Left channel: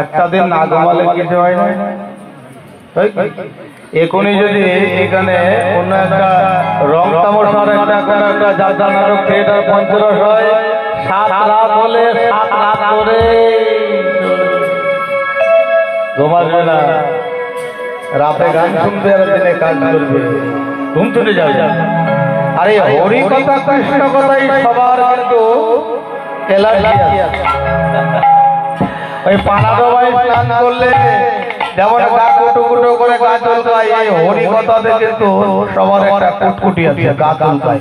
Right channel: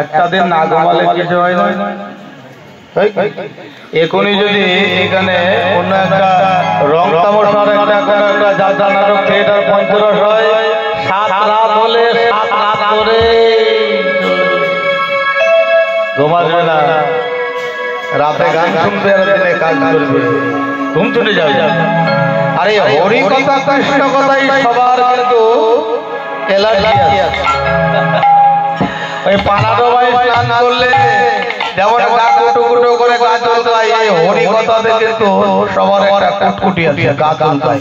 একটা দিন না ঘুমালে কিছু হয় না। এখনই যদি এখানে অন্য একটা রং তামাশার একটা যাত্রা নাটক থিয়েটার পঞ্চরস হয়, 7 রাত হলে 7 রাত ধরে ঘুমাবে না, রাতে গান শুনবে আর দিনে কাজ করবে, ঘুম চলে যাবে। আরে হরি কথা কৃষ্ণ কথাই সবার কিন্তু এলার্জি আছে। ওই পানাটো ভাই স্নান করলে যেমন গা কুটু কুটু করে গা চলকায়, এই হরি কথাতে কিন্তু সবার একটা কুটকুটি আছে, গা চলকায়।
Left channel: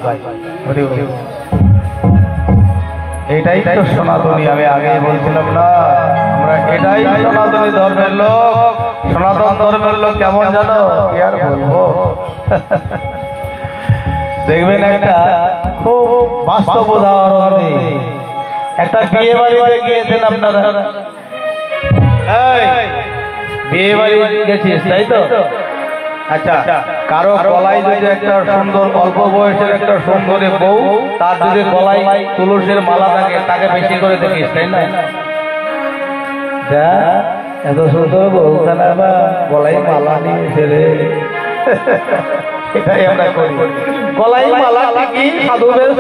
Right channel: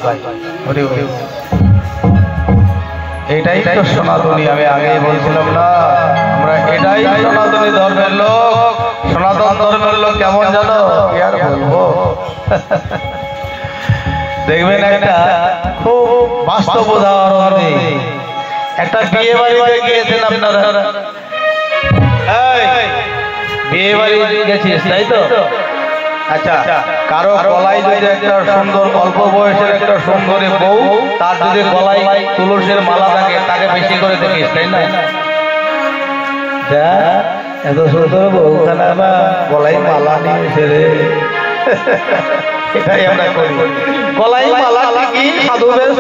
এটাই তো সনাতনী, আমি আগে বলছিলাম না, আমরা এটাই সনাতনী ধর্মের লোক। সনাতন ধর্মের লোক কেমন জানো, কি আর বলবো। দেখবেন একটা খুব বাস্তব উদাহরণ, একটা বিয়ে বাড়িতে গিয়েছেন আপনারা, বিয়ে বাড়ি গেছিস তাই তো? আচ্ছা, কারো গলায় যদি একটা সুন্দর অল্প বয়সের একটা সুন্দরী বউ, তার যদি গলায় তুলসীর মালা থাকে, তাকে বেশি করে দেখিস তাই না? এত সুন্দর বউ খানা গলায় মালা নিয়ে রে, এটাই আমরা করি। গলায় মালা কি সাধু বেশ,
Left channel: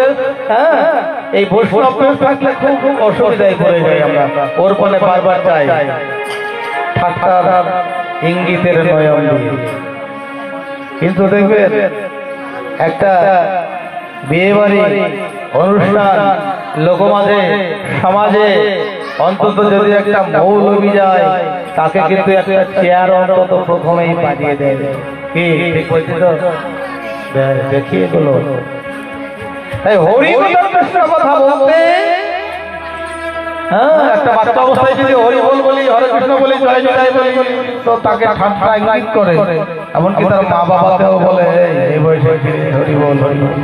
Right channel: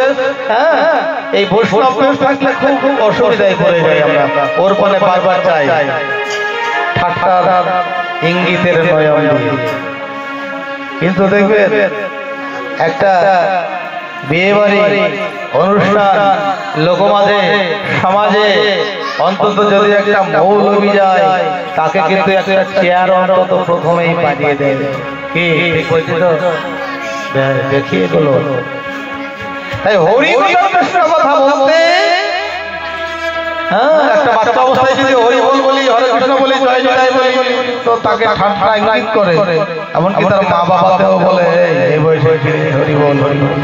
হ্যাঁ, এই বৈষ্ণব বেশ থাকলে খুব অসুবিধায় পড়ে যাই আমরা। ওর ফলে বারবার চাই ঠাট্টার ইঙ্গিতের নয়ন দিয়ে। কিন্তু দেখবেন একটা বিয়ে বাড়ি অনুষ্ঠান লোকমাঝে সমাজে অন্তত যদি একটা মৌলবি যায় তাকে কিন্তু একটা চেয়ার অন্তত প্রথমেই পাঠিয়ে দেয়। কি ঠিক বলছি তো? দেখিয়ে গেল তাই হরি কথা বলতে একটা বাচ্চা অবস্থায় যদি হরি বল বলি হরে কৃষ্ণ বলি জয় জয় বলি তো তাকে ঠান্ডা ইঙ্গিত করে, এমনকি তার মা বাবাকেও বলে এই বয়সে হরি বল হরি বল।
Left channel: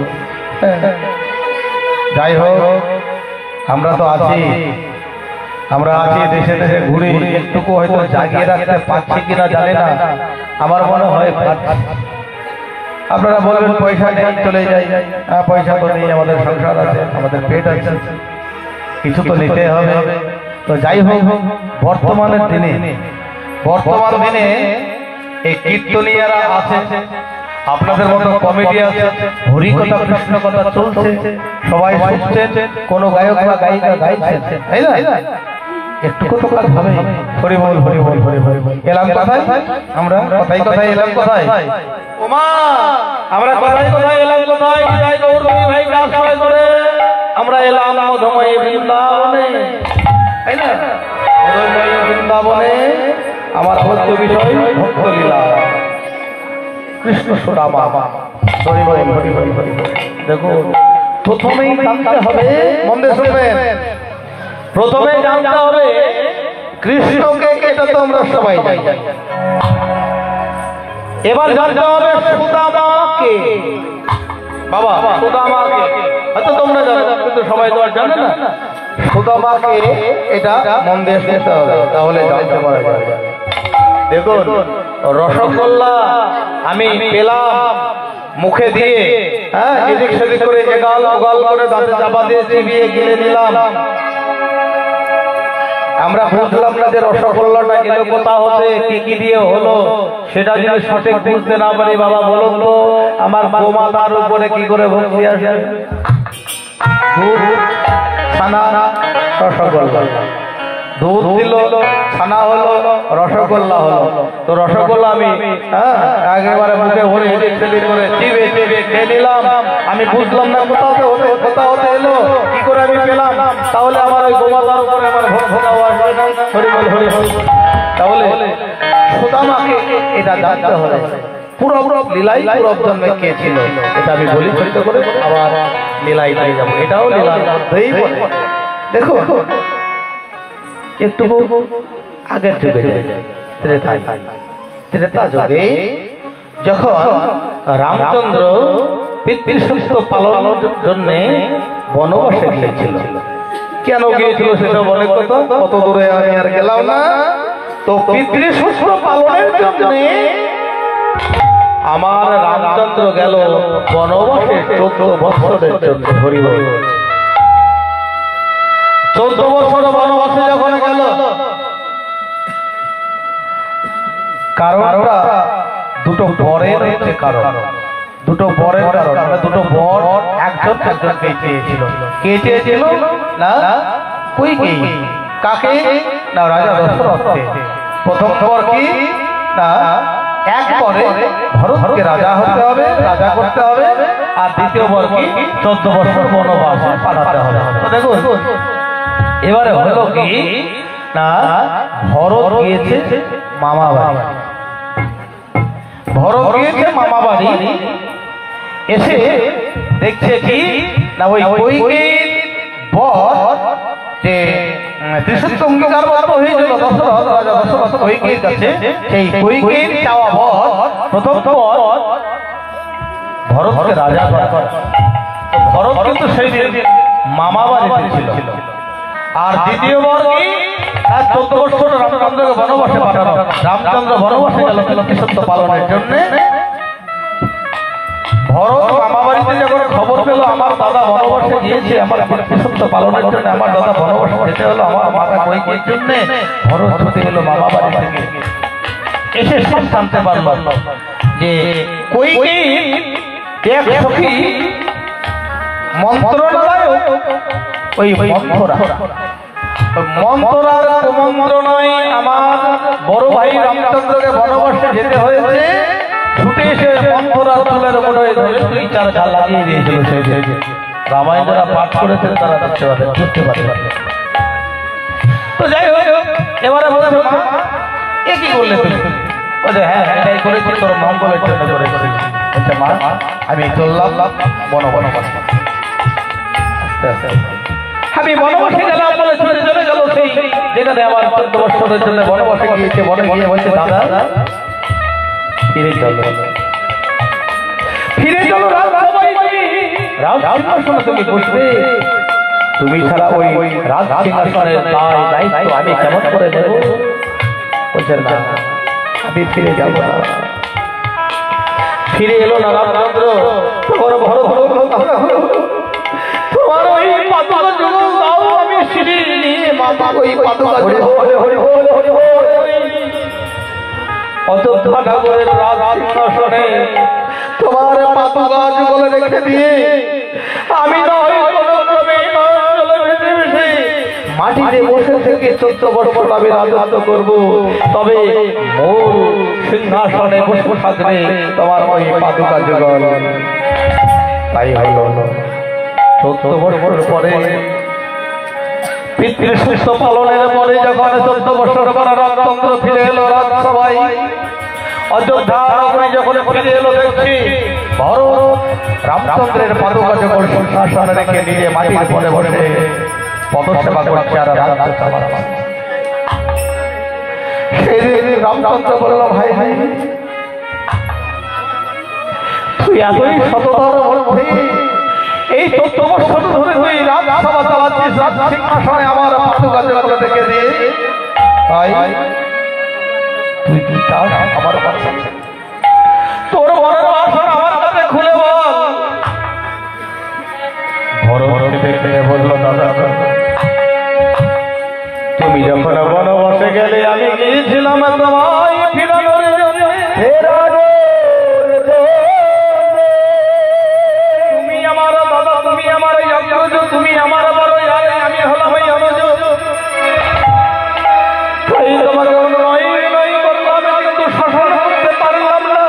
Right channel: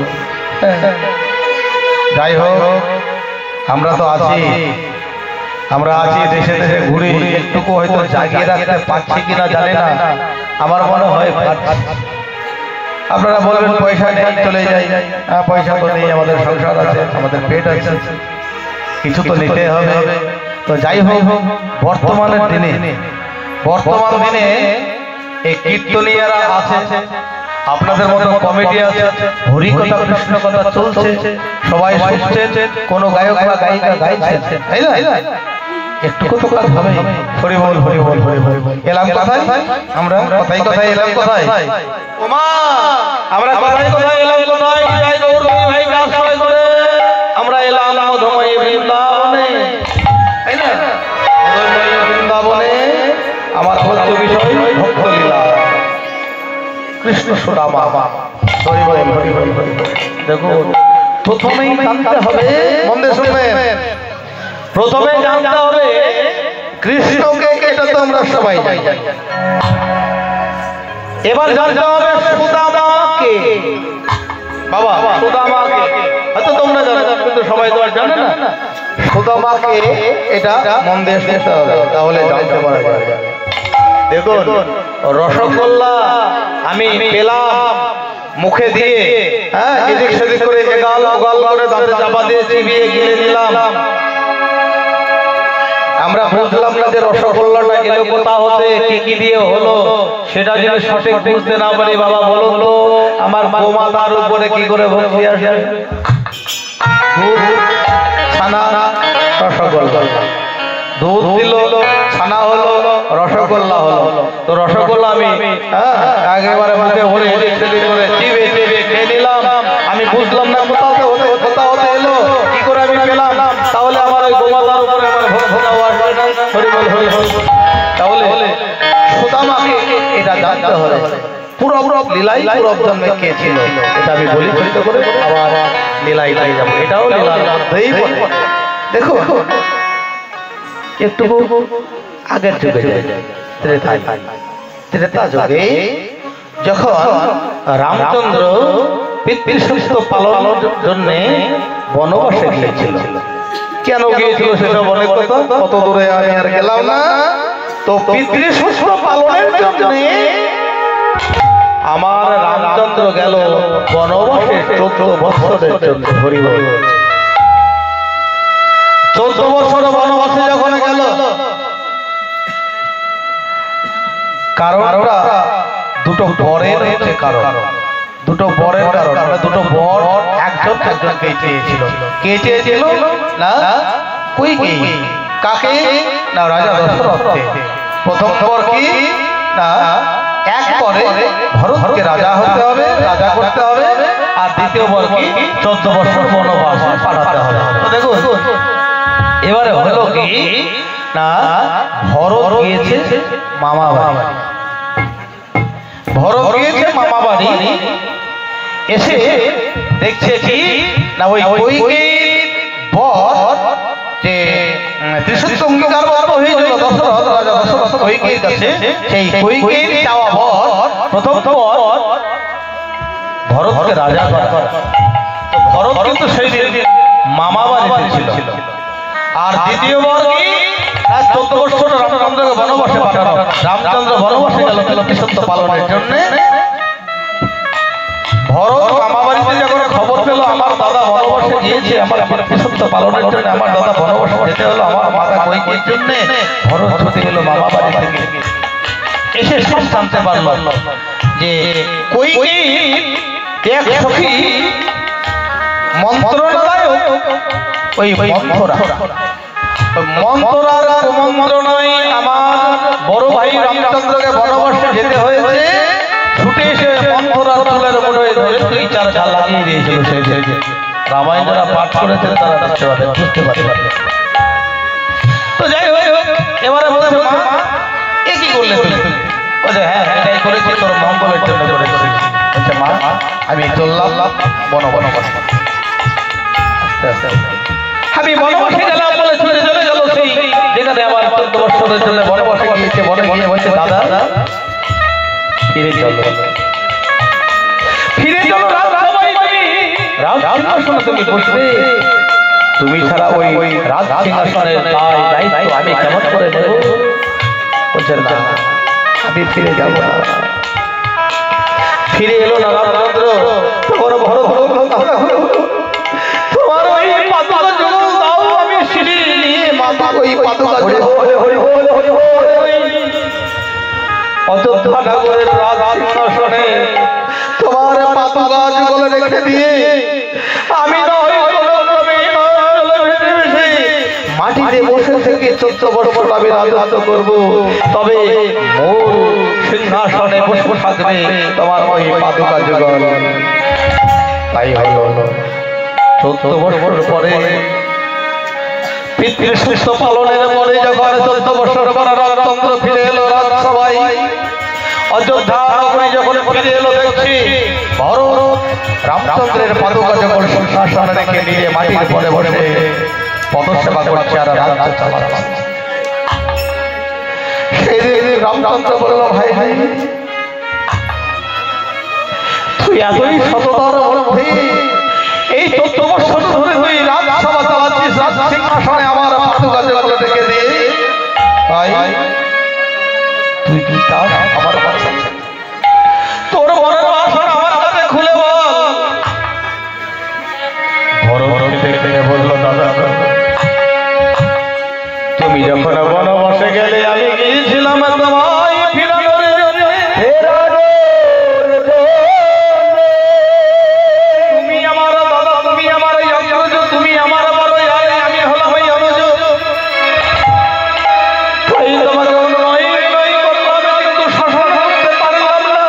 যাই হোক আমরা তো আছি, আমরা আছি দেশে দেশে ঘুরি, একটুকু হয়তো জাগিয়ে রাখতে পারছি কিনা জানি না, আমার মনে হয় আপনারা বলবেন পয়সা নেই চলে যাই, পয়সা তো নেই, আমাদের সংসার আছে, আমাদের পেট আছে, কিছু তো নিতে হবে। তো যাই হোক বর্তমান দিনে এই কীর্তনীয়রা আছে, আপনাদের মতো কমিটি আছে, হরি কথা কৃষ্ণ কথা চলছে, সবাই শুনছেন, কোন গায়ক বা গায়িকা গাইছেন, তাই না? একটু তো কাজ হবে। হরি বল হরি বল হরি বল এলাম কথাই, আমরা কথাই কথাই এলাম কথাই, ওমা আমরা কথাই কথাই এলাম কথাই, জয় গৌর ভাই দাস করে আমরা এলাম মধুময় বৃন্দাবনে, তাই না? মধুময় বৃন্দাবনে আমার হচ্ছে বিষয় ভক্ত লীলা, কৃষ্ণ সুদামা। হরি বল হরি বল হরি বল। দেখো প্রথমেই জানতে হবে, মন দিয়ে শুনবেন, প্রথমে জানতে হবে কৃষ্ণকে, এটা তো আমরা সবাই জানি। এবার জানতে হবে সুদামাকে। বাবা সুদামাকে হয়তো তোমরা জানো কিন্তু সবাই তো আর জানে না। সুদামাকে এটা মন দিয়ে শুনতে হবে, তাহলে জানতে পারা যাবে। দেখুন রসগোল্লা আমি পেলাম মুখে দিয়ে, এদিক সেদিক করে এগাল ওগাল করে দাঁতে চাপা দিয়ে চিবিয়ে গিলে নিলাম, আমরা বুঝলাম না যে রসগোল্লাটা এলো কোথা হতে, কি কি দিয়ে হলো, সেটা যদি সঠিক বুঝতে না পারি, বাবা বলুন তো আমার গোমাতার উপরে কি করে ভক্তি আসে? দুধ ছানা রসগোল্লা, দুধ দিল ছানা হলো রসগোল্লা হলো। তো রসগোল্লা আমি একেবারে মুখে ভরে করে চিবে চিবে খেয়ে নিলাম, আমি বুঝলাম না কোথা হতে এলো, কি করে আমি পেলাম, তাহলে আমার ওই গোমাতার উপরে আমার হরি বল হরি বল। তাহলে সুদামাকে এটা জানতে হবে, পুরো লীলাই পুরো জন্মে কে ছিল এটা আমি বলি চরিত করে আবার লীলাই লাই যাবো, এটাও লীলার মধ্যেই বলে। দেখো একটু আগের যুগে ত্রেতা যুগে যখন রামচন্দ্র পিতৃসত্য পালনের জন্য বনবাসে গিয়েছিল, কেন গিয়েছিল সেটা অনেক কথা, কত দূরে আমি আর গেলাম না। তো পিতৃসত্য পালনের জন্য আমার রামচন্দ্র গেল বনবাসে 14 বছরের জন্য। হরি বল। 14 বছর বনবাসে যখন গেল, কারণটা দুটো বরের হচ্ছে কারণ, দুটো বরের কারণ, দুটো বর একজন একজনকে চেয়েছিল। কে চেয়েছিল না? কইকেয়ী। কাকে? না রাজা দশরথকে। প্রথম বর কি না, এক বরে ভরতকে রাজা হতে হবে, রাজা করতে হবে, আর দ্বিতীয় বর কি 14 বছর বনবাসে পাঠাতে হবে। দেখুন এবারে হলো কি না, ভরত গিয়েছে মামা বাড়ি, ভরত গিয়েছে মামা বাড়ি, এসে দেখছে কি না ওই কইকেয়ীর বর যে ত্রিসূত্র অঙ্গীকারবদ্ধ হয়েছিল দশরথ, রাজা দশরথ কইকেয়ীর কাছে, সেই কইকেয়ীর চাওয়া বর প্রথম বর ভরতকে রাজা করা। ভরত কিন্তু সেই মামা বাড়িতে ছিল। আর দ্বিতীয় বর কি, 14 বছর রামচন্দ্রকে বনবাসে পাঠানো। রামচন্দ্র বনবাসে গেল ত্রিসূত্র পালনের জন্য। ভরত মামা বাড়িতে যখন খবর পেল আমার দাদা বনবাসে গিয়েছে, আমার ত্রিসূত্র পালনের জন্য আমার দাদা বনবাসে যেতে হলো, আমার মাতা কইকেয়ীর জন্য ভরত ছুটে গেল মামা বাড়ি থেকে। এসে সব জানতে পারল যে কইকেয়ীর এক সখী মন্ত্রণালয়, ওই মন্ত্রার কুমন্ত্রণায় আমার বড় ভাই রামচন্দ্রকে বনবাসে যেতে হয়েছে। ছুটে এসে মন্ত্রার চুলের মুঠোয় ধরে 2-4 ঝাল লাগিয়ে দিয়েছিল। রামায়ণ যারা পাঠ করেছেন তারা বুঝতে পারে। তো যাই হোক, এবারে বলছে মা এ কি করলে তুমি? বলছে হ্যাঁ এটাই করেছি তোর মঙ্গলের জন্য করেছি। বলছে মা আমি চললাম বনবাসে। আমি বনবাসে গেলাম বলে ছুটে চলে গেল সেই যেখানে আমার 14 বছরের জন্য বনবাসে গিয়েছে। বনে গিয়ে বলছে দাদা ফিরে চলো, ফিরে চলো রাজসিংহাসনে তুমি বসবে। তুমি ছাড়া ওই রাজসিংহাসনের দায়িত্ব আমি কেমন করে নেব? বলছে না আমি ফিরে যাব না। ফিরে এলো না রামচন্দ্র। তোমার বড় তোমার ওই পাদুকা যুগল দাও, আমি সিঁড়ি নিয়ে মাথা ওই পাদুকা অযোধ্যা নগরের রাজসিংহাসনে তোমার পাদুকা যুগল রেখে দিয়ে আমি নয় কোনো ক্রমে মাটিতে বসে থেকে 14 বছর আমি রাজত্ব করব। তবে মূল সিংহাসনে বসে থাকবে তোমার ওই পাদুকা যুগল। তাই হলো 14 বছর পরে পিতৃ সুস্থ পালনের পরে যখন 14 বছর পরে রামচন্দ্র ফিরে এলো রাজসভায়, অযোধ্যা নগরী যখন ফিরে এলো দেখছি ভরত রামচন্দ্রের পাদুকা যখন সিংহাসনে রেখে নিয়ে মাটির পরে বসে পদসেবা করছে আর রাজ্য চালাচ্ছে। সেই রামচন্দ্র বলল ভাই ভাই তুই এতই সততার মধ্যে এই 14 বছর ধরে তুই রাজসভা চালাচ্ছিস, রাজ সিংহাসনে আমার পাদুকা যুগল রেখে দিয়ে ভাই তুই কি চাস আমার কাছে? তোর মনের বাসনা আমার কাছে খুলে বল। ভরত দেখে বলল দাদা তুমি যখন বনবাসে গেলে আমি গিয়েছিলাম তোমায় ফিরানোর জন্য। তুমি আমার দাদা, তুমি আমার অগ্রজ, তুমি আমার বড়, আমি হলাম অনুজ। তাই তোমাকে নয় করলাম কিন্তু শাসন করতে পারলাম না।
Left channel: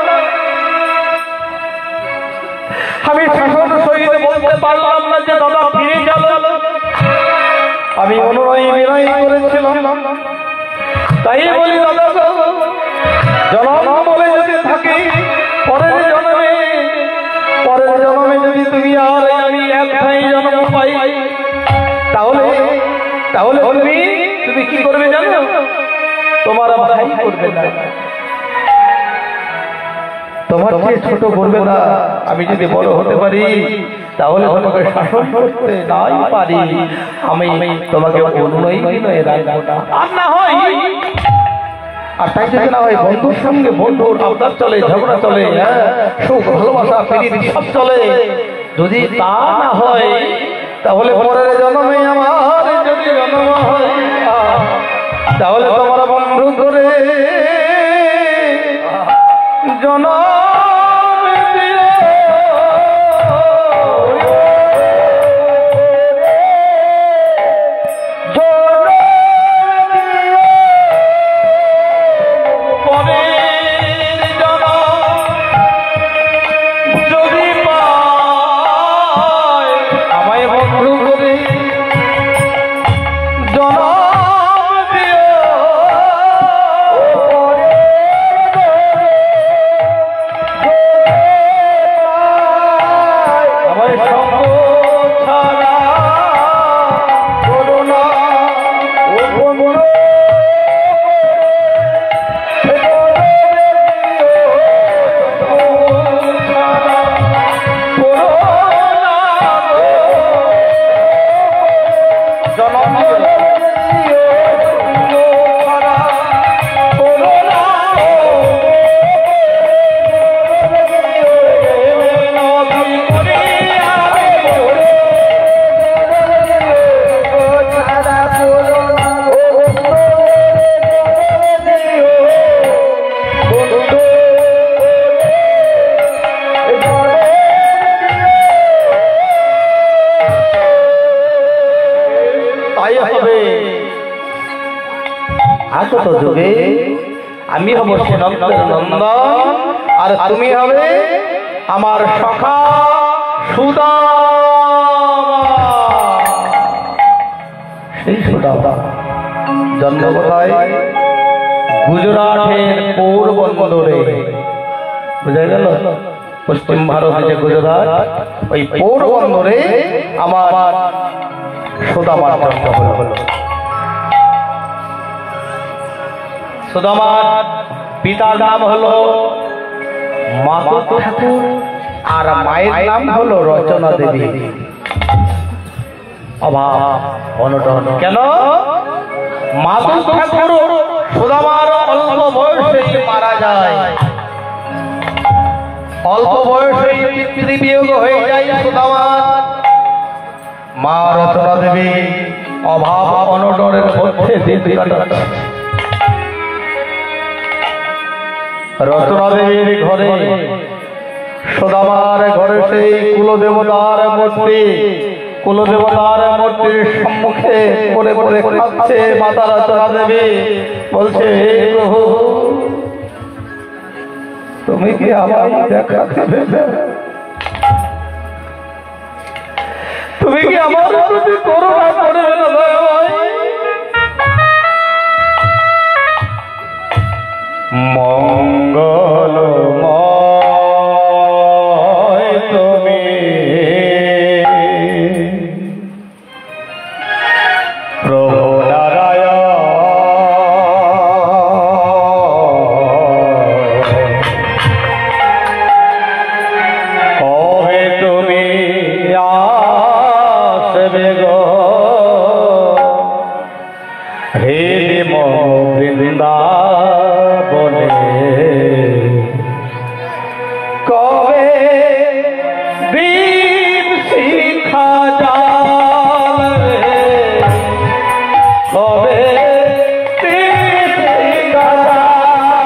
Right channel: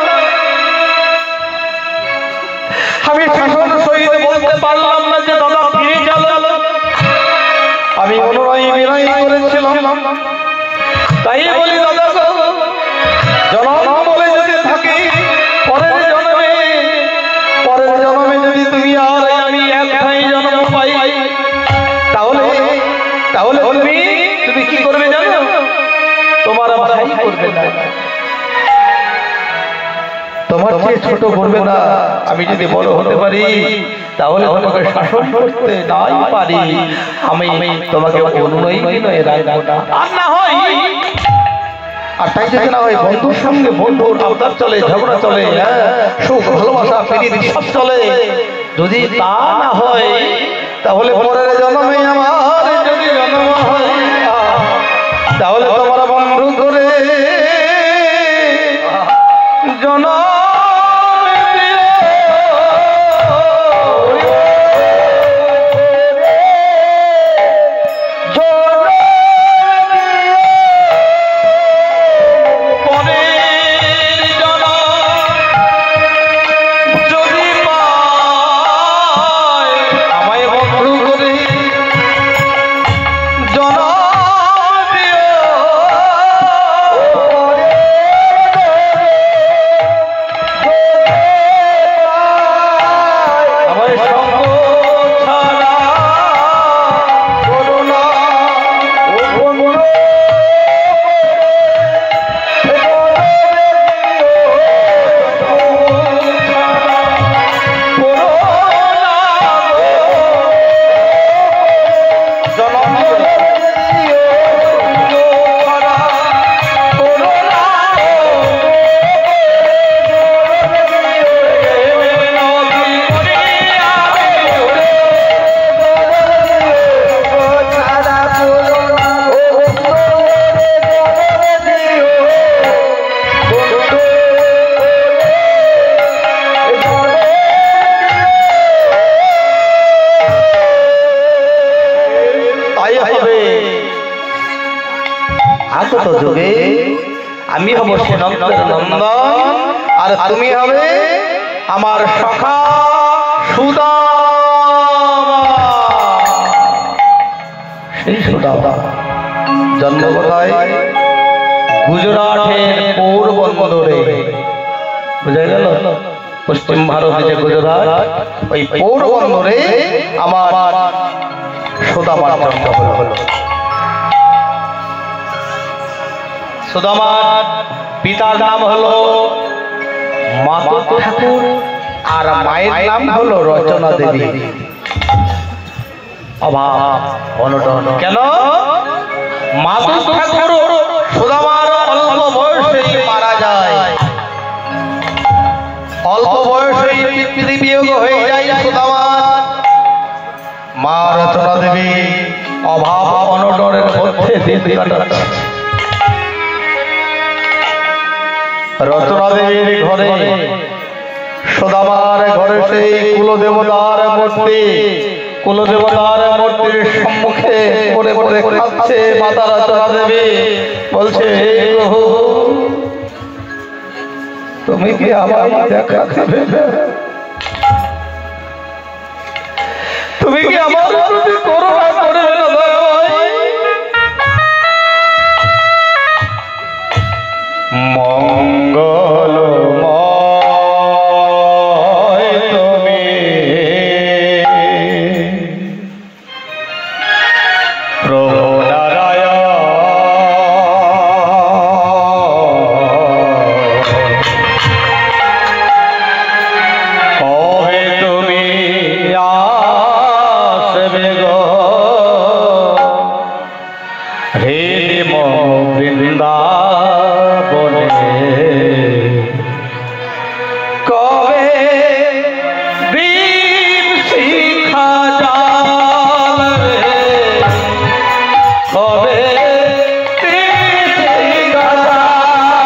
আমি শাসন সহিত বলতে পারলাম না যে দাদা ফিরে চলো। আমি অনুনয় বিনয় করেছিলাম। তাই বলি দাদা জনম বলে যদি থাকি পরের জন্মে যদি তুমি আর আমি একটাই জন্ম পাই তাহলে তুমি কি করবে জানো? তোমার ভাই করবে না, তোমার চেয়ে ছোট করবে না। আমি যদি বড় হতে পারি তাহলে তোমাকে শাসন করতে নাই পারি, আমি তোমাকে অনুনয় বিনয়ে রাখবো না। আর না হয় আর তাই যদি না হয় বন্ধুর সঙ্গে বন্ধুর আবদার চলে, ঝগড়া চলে, সুখ ভালোবাসা প্রীতি সব চলে। যদি তা না হয় তাহলে পরের জন্মে আমার যদি জন্ম হয় তাহলে তোমার বন্ধু করে জন্ম আগত যুগে আমি হব সেনন্দের নন্দন আর তুমি হবে আমার সখা সুদান। সুদামা। জন্ম কোথায়? গুজরাটের পোরবন্দরে। বুঝা গেল? পশ্চিম ভারতে যে গুজরাট, ওই পোরবন্দরে আমার সুদামার জন্ম হলো। সুদামার পিতার নাম হলো মাধব ঠাকুর আর মায়ের নাম হলো রচনা দেবী। অভাব অনটন কেন? মাধব ঠাকুর সুদামার অল্প বয়সে মারা যায়, অল্প বয়সে পিতৃ বিয়োগ হয়ে যায় সুদামার। মা রচনা দেবী অভাব অনটনের মধ্যে দিন কাটাচ্ছে। রচনা দেবীর ঘরে, সুদামার ঘরে সেই কুলদেবতার মূর্তি, কুলদেবতার মূর্তির সম্মুখে পড়ে পড়ে খাচ্ছে মাতা রচনা দেবী। বলছে, প্রভু তুমি কি আমার দেখা খাবে? তুমি কি আমার প্রতি করুণা করবে না? মঙ্গলময় তুমি প্রভু নারায়ণ, কবে তুমি আসবে গো হে বৃন্দাবনে? কবে দীপ শিখা জ্বালবে? কবে দীপ শিখা জ্বালবে?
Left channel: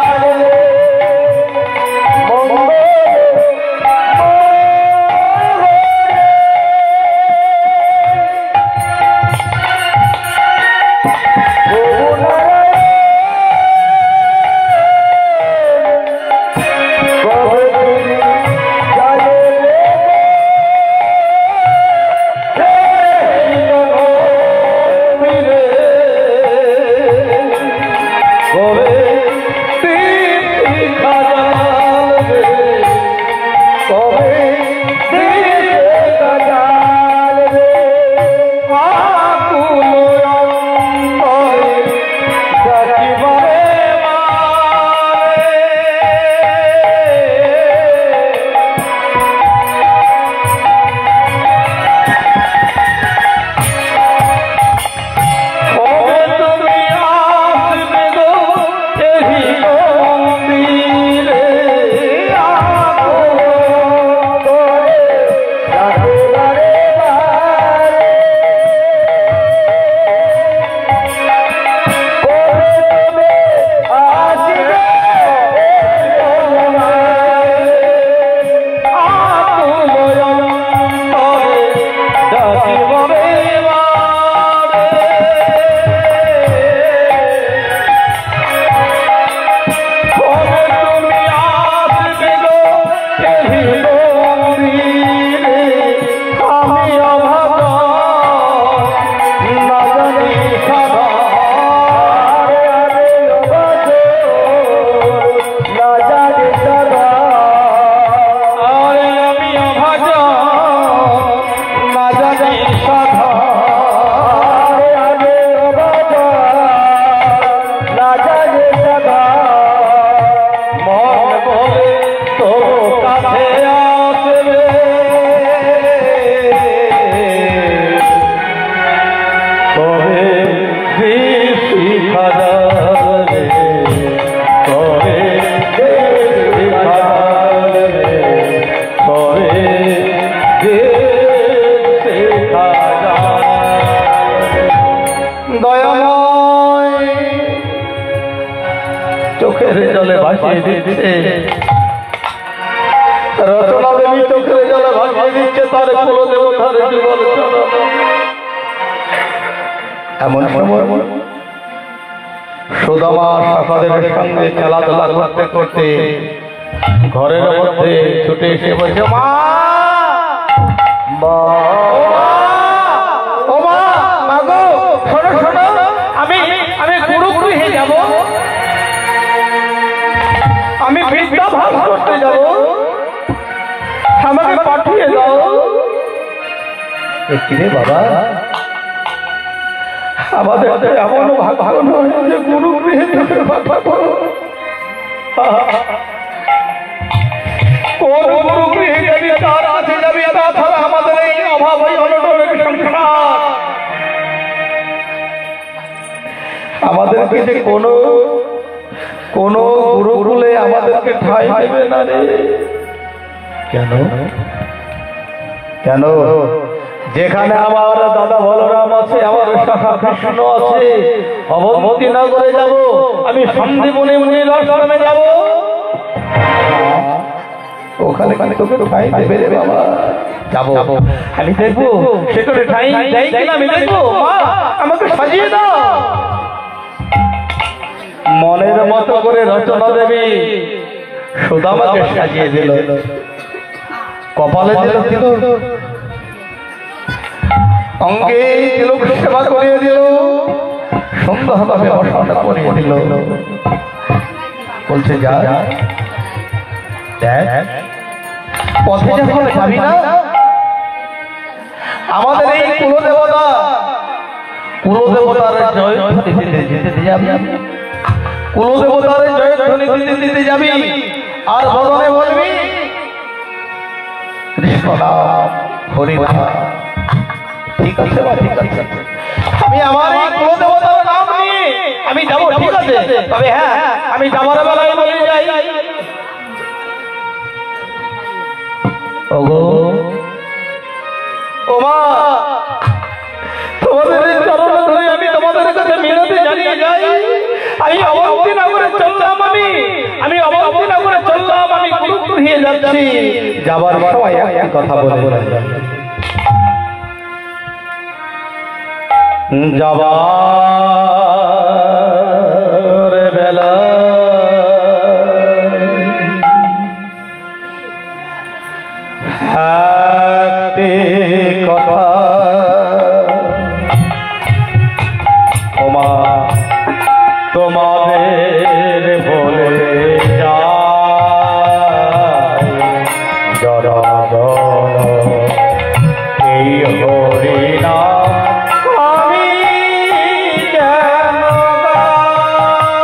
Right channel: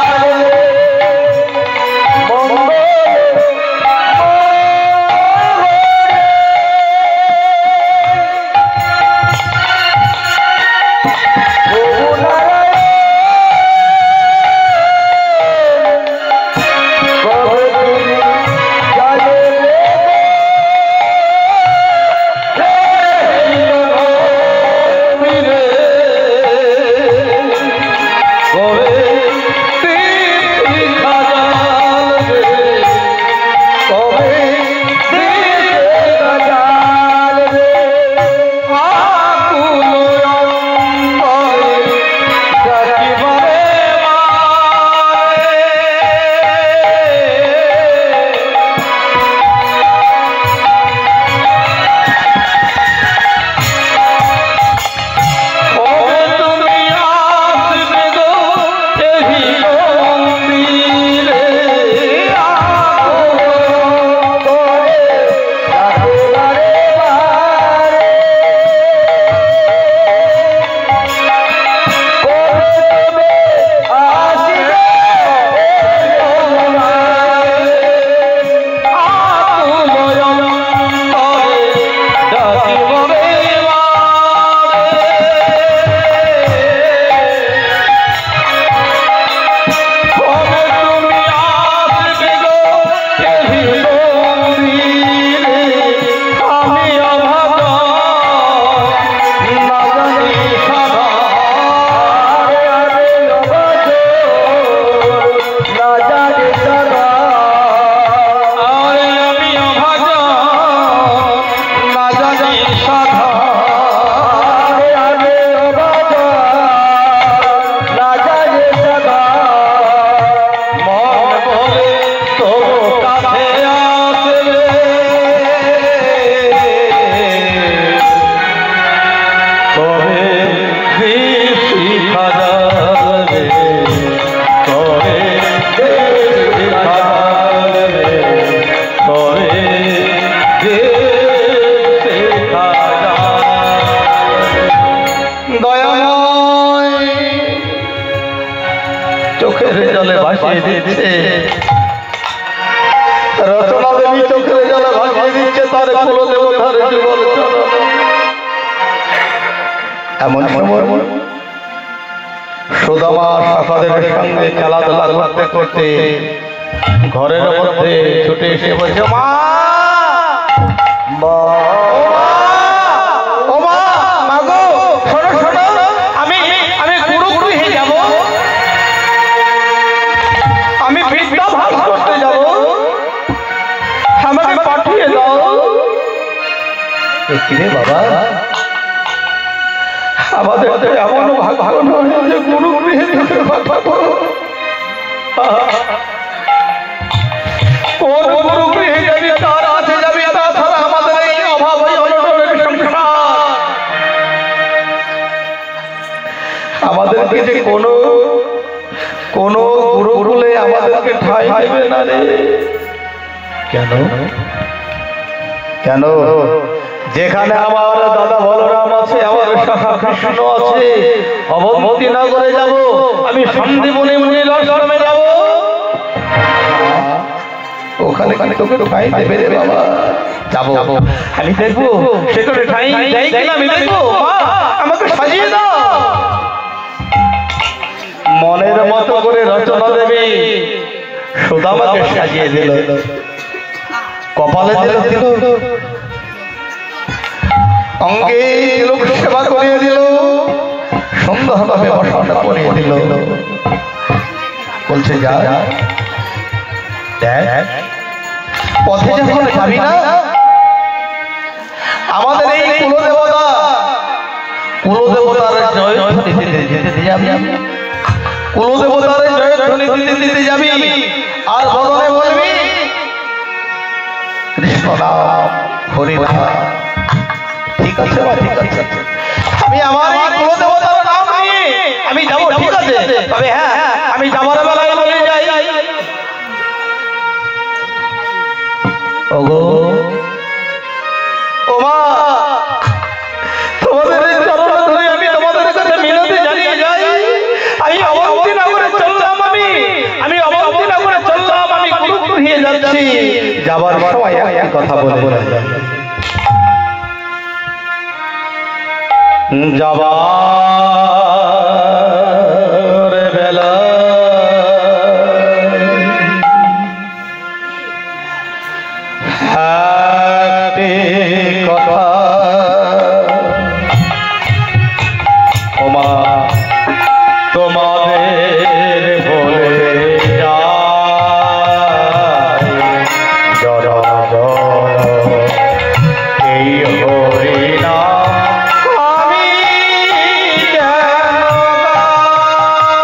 চোখের জলে ভাসিয়ে দিচ্ছে, রচনা দেবী চোখের জলে ভাসিয়ে দিচ্ছে তার কুলদেবতার যুগল চরণ। এমন সময় সুদামা সখাদের সঙ্গে খেলাধুলা করতে করতে ঘরের মধ্যে ছুটে এসে বলছে, মা ও মা, ও মা, মাগো শোনো শোনো, কিরে বাবা, আমাদের তো এমন ভাগ্য নয় যে গুরু গৃহে কোন গুরু গৃহে যাবি, তার কাছে যাবি, তাছাড়া আমাদের এই অভাব অনটনের সংসার। আমাদেরকে যে কোনো গুরুকুলে আমাদেরকে ঠাঁই দেবে না রে। কেন কেন? যেখানে আমার দাদা বলরাম আছে, আমার সখা কৃষ্ণ আছে, অবন্তী নগরে যাব, আমি সন্দীপনী মুনির আশ্রমে যাব, ওখানে তোকে ঠাঁই দেবে রে বাবা। যাবো, আমি দেখবো সেখানে ঠাঁই দেয় কিনা, আমি দেখবো। মা, আমাকে সাজিয়ে দাও। মনের মতো করে রচনা দেবী সুদামাকে সাজিয়ে দিল, কপালে দিল, অঙ্গে তিলক সেবা করিয়ে দিল, সুন্দরভাবে বসন করিয়ে দিল। বলছে যা দেখ, পথে যখন যাবি না, আমাদের এই কুলদেবতার জয় দিতে যাবি, কুলদেবতার জয়ধ্বনি দিতে যাবি, আর বদনে বলবি কৃষ্ণ নাম হরি নাম। ঠিক আছে বা ঠিক আছে, আমি আমার এই কুলদেবতার নাম নিয়ে আমি যাবো, ঠিক আছে। তবে হ্যাঁ, আমি যাবার বেলায় বলে যাই, ওগো ও মা, তোমাদের চরণ ধরে আমি তোমাদের কাছে মিনতি জানিয়ে যাই, আমি অবন্তী নগরে চললাম, আমি অবন্তী নগরে চললাম, আমি গুরু গৃহে যাচ্ছি। যাবার সময় একটা কথা বলে যাবার বেলা কথা ওমা তোমাদের বলে যায়, জড় এই হরি নাম আমি কেন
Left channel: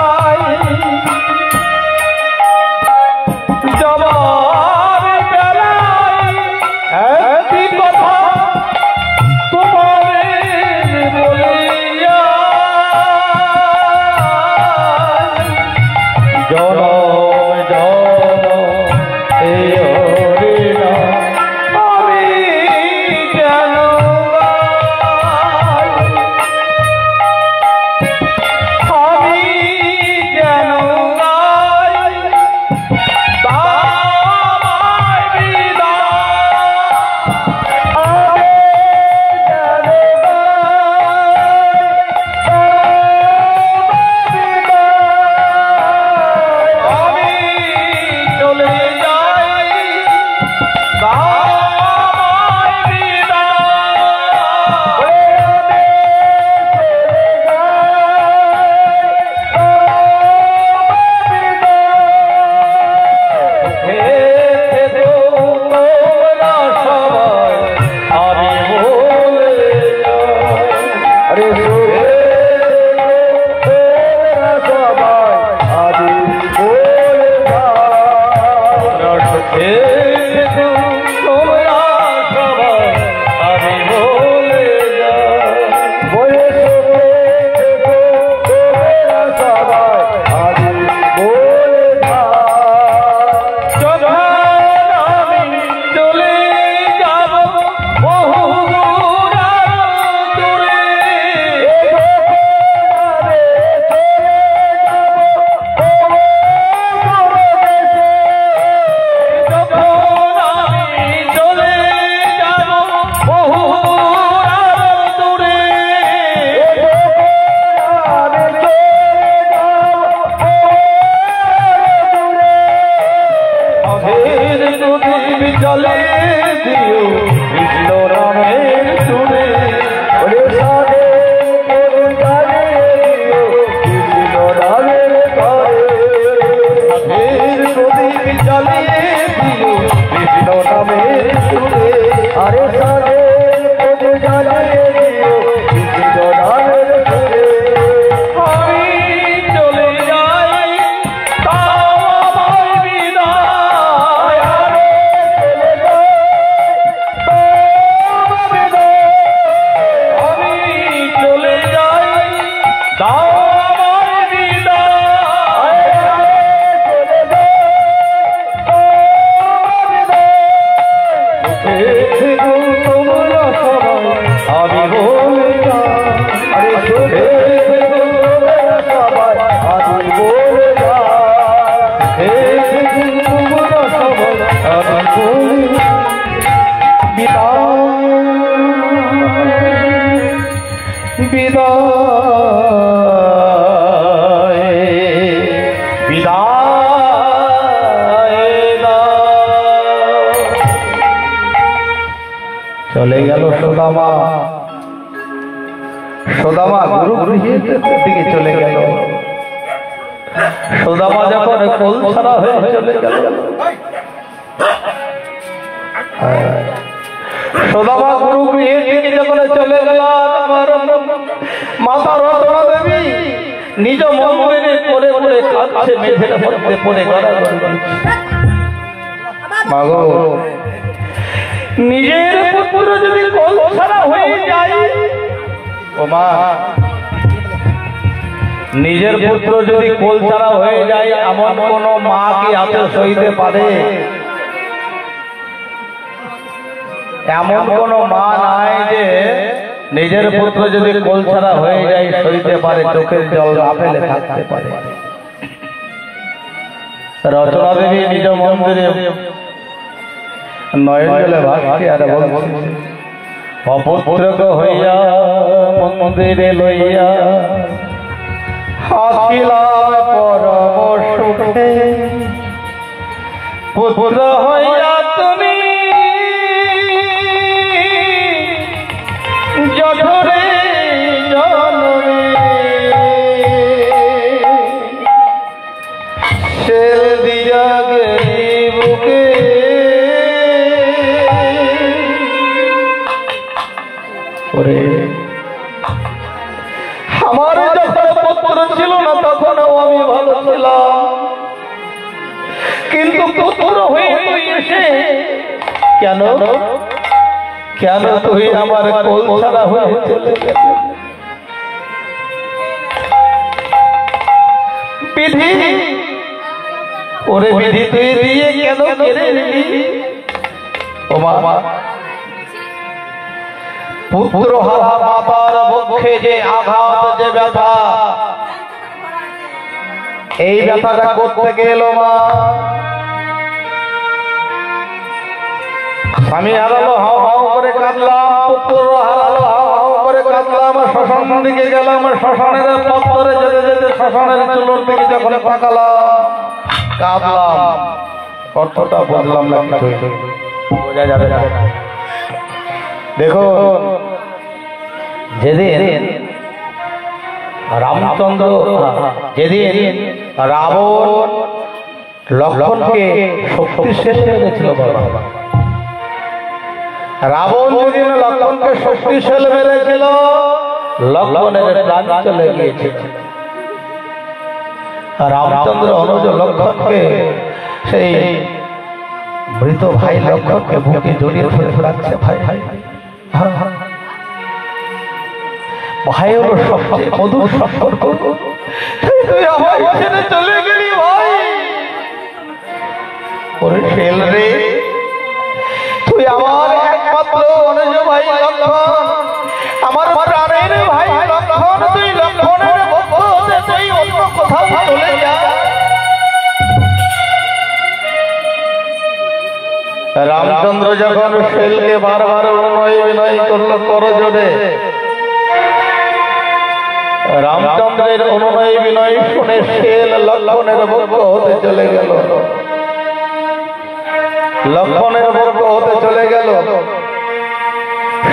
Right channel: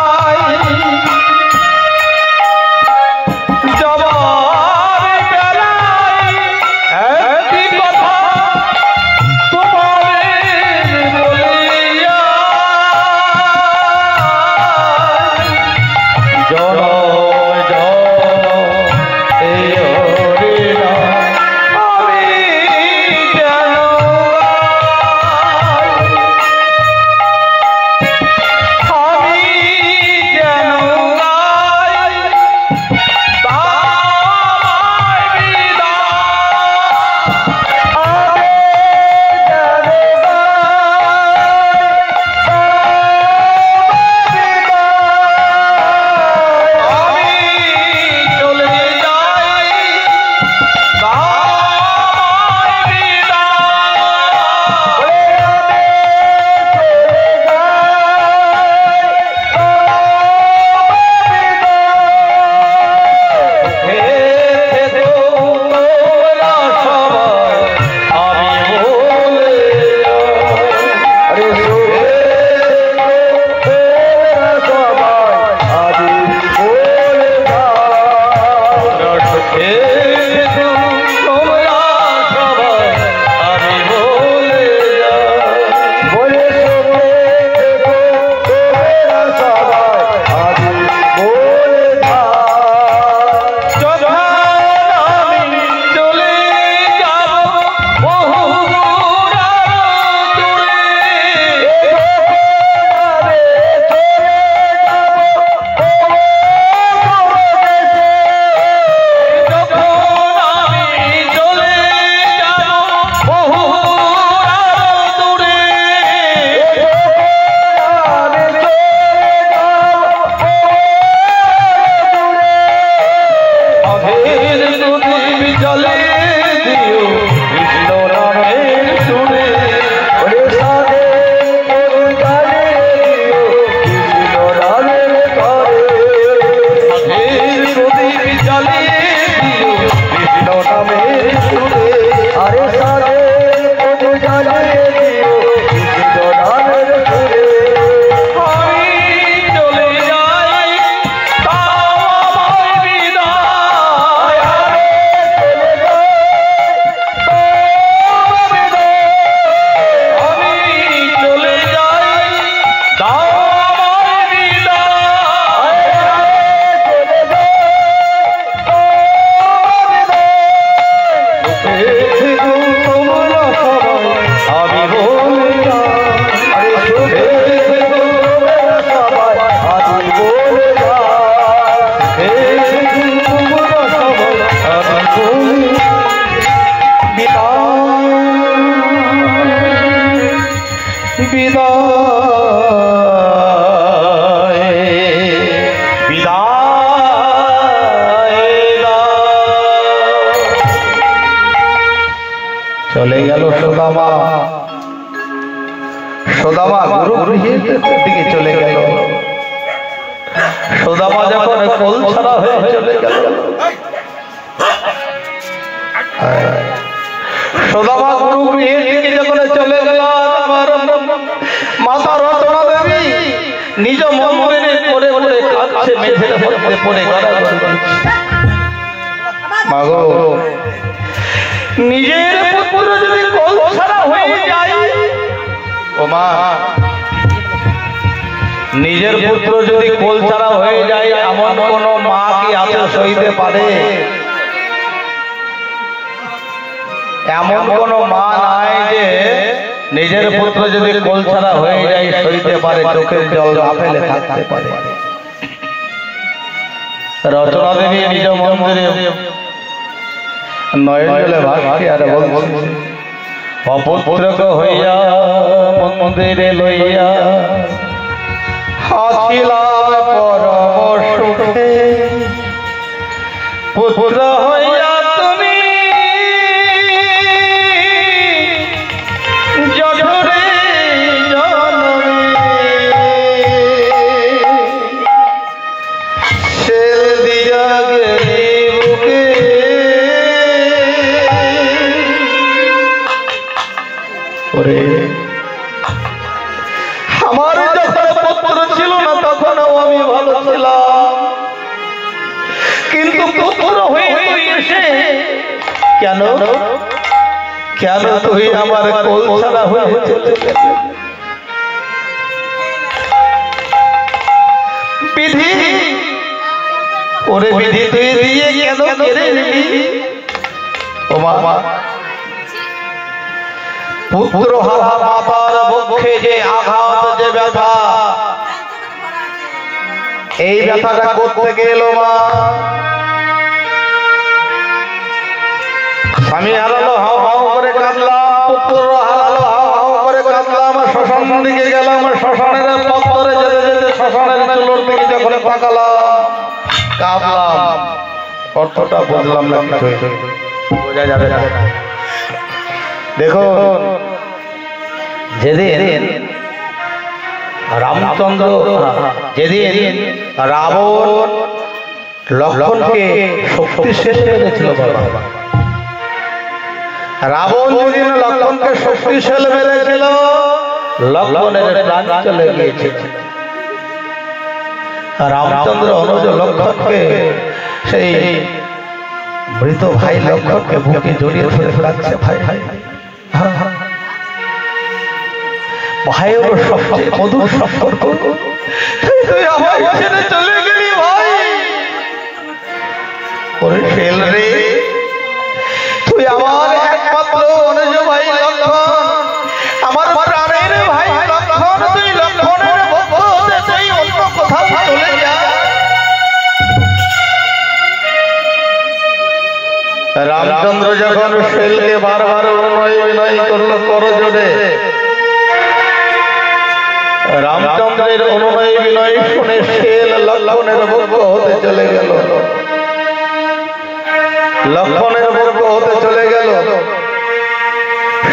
গাই। যাবার বেলায় একটি কথা তোমাদের বলিয়া বলে চলে গেল সুদামা। সুদামা গুরু গৃহের দিকে চলে গেল। সুদামা যখন কোল ছাড়া হয়ে চলে গেল, সুদামা গুরু গৃহের দিকে যখন চলে গেল, আমার মাতা রচনা দেবী নিজ মন্দিরে পড়ে পড়ে কাঁদছে, মেঝের মধ্যে পড়ে গড়াগড়ি করছে। মাগো, নিজের পুত্র যদি কোল ছাড়া হয়ে যায়, ও মা, নিজের পুত্র যদি কোল ছাড়া হয়ে যায়, এমন কোন মা কি আছে সইতে পারে? এমন কোন মা নাই যে নিজের পুত্র যদি কোল ছাড়া হয়ে যায় সইতে পারে, চোখের জল না ফেলে থাকতে পারে। রচনা দেবী নিজ মন্দিরে নয়ন জলে ভাসছে আর বলছে, অপুত্রক হইয়া মন্দিরে লইয়া হাসিলাম পরম সুখে, পুত্র হইয়া তুমি জঠরে জনমে সে দিয়া গেলি বুকে, আমার যখন পুত্র ছিল না তখনও আমি ভালো ছিলাম, কিন্তু পুত্র হয়ে তুই এসে কেন কেন তুই আমার কোল ছাড়া হয়ে চলে গেলি? বিধি, ওরে বিধি, তুই দিয়ে কেন কেড়ে নিলি? ও মা, পুত্র হারা মাতার বক্ষে যে আঘাত, যে ব্যথা, এই ব্যথাটা করতে গেল মা। স্বামী হারালো, হাও হাও করে কাঁদলাম, পুত্র হারালো, হাও হাও করে কাঁদলাম। শ্মশান দিকে গেলাম, শ্মশানের পথ ধরে যেতে যেতে শ্মশানের চুলোর দিকে যখন তাকালাম, কাঁদলাম। অর্থটা বুঝলাম না, বোঝা যাবে না। দেখুন, যেদিন রামচন্দ্র, যেদিন রাবণ লক্ষ্মণকে শক্তিশালী মেরেছিল, বাবা, রাবণ যেদিন লক্ষ্মণকে শক্তিশালী মেরেছিল, লক্ষ্মণের প্রাণ চলে গিয়েছিল। রামচন্দ্র অনুজ লক্ষ্মণকে, সেই মৃত ভাই লক্ষ্মণকে বুকে জড়িয়ে ধরে ডাকছে, ভাই ভাই ভাই, ওর সবচেয়ে মধুর সম্পর্ক, তুই আমার ছেড়ে চলে গেলি ভাই। ওরে ফেল রে, তুই আমার একমাত্র অনুজ ভাই লক্ষ্মণ, আমার প্রাণের ভাই লক্ষ্মণ, তুই লক্ষ্মণের ভক্ত হতে তুই অন্য কোথাও চলে যা। রামচন্দ্র যখন শেলকে বারবার বিনয় করলো করজোড়ে, রামচন্দ্রের অনুনয় বিনয় শুনে শেল লক্ষ্মণের ভক্ত হতে চলে গেল, লক্ষ্মণের ভক্ত হতে চলে গেল।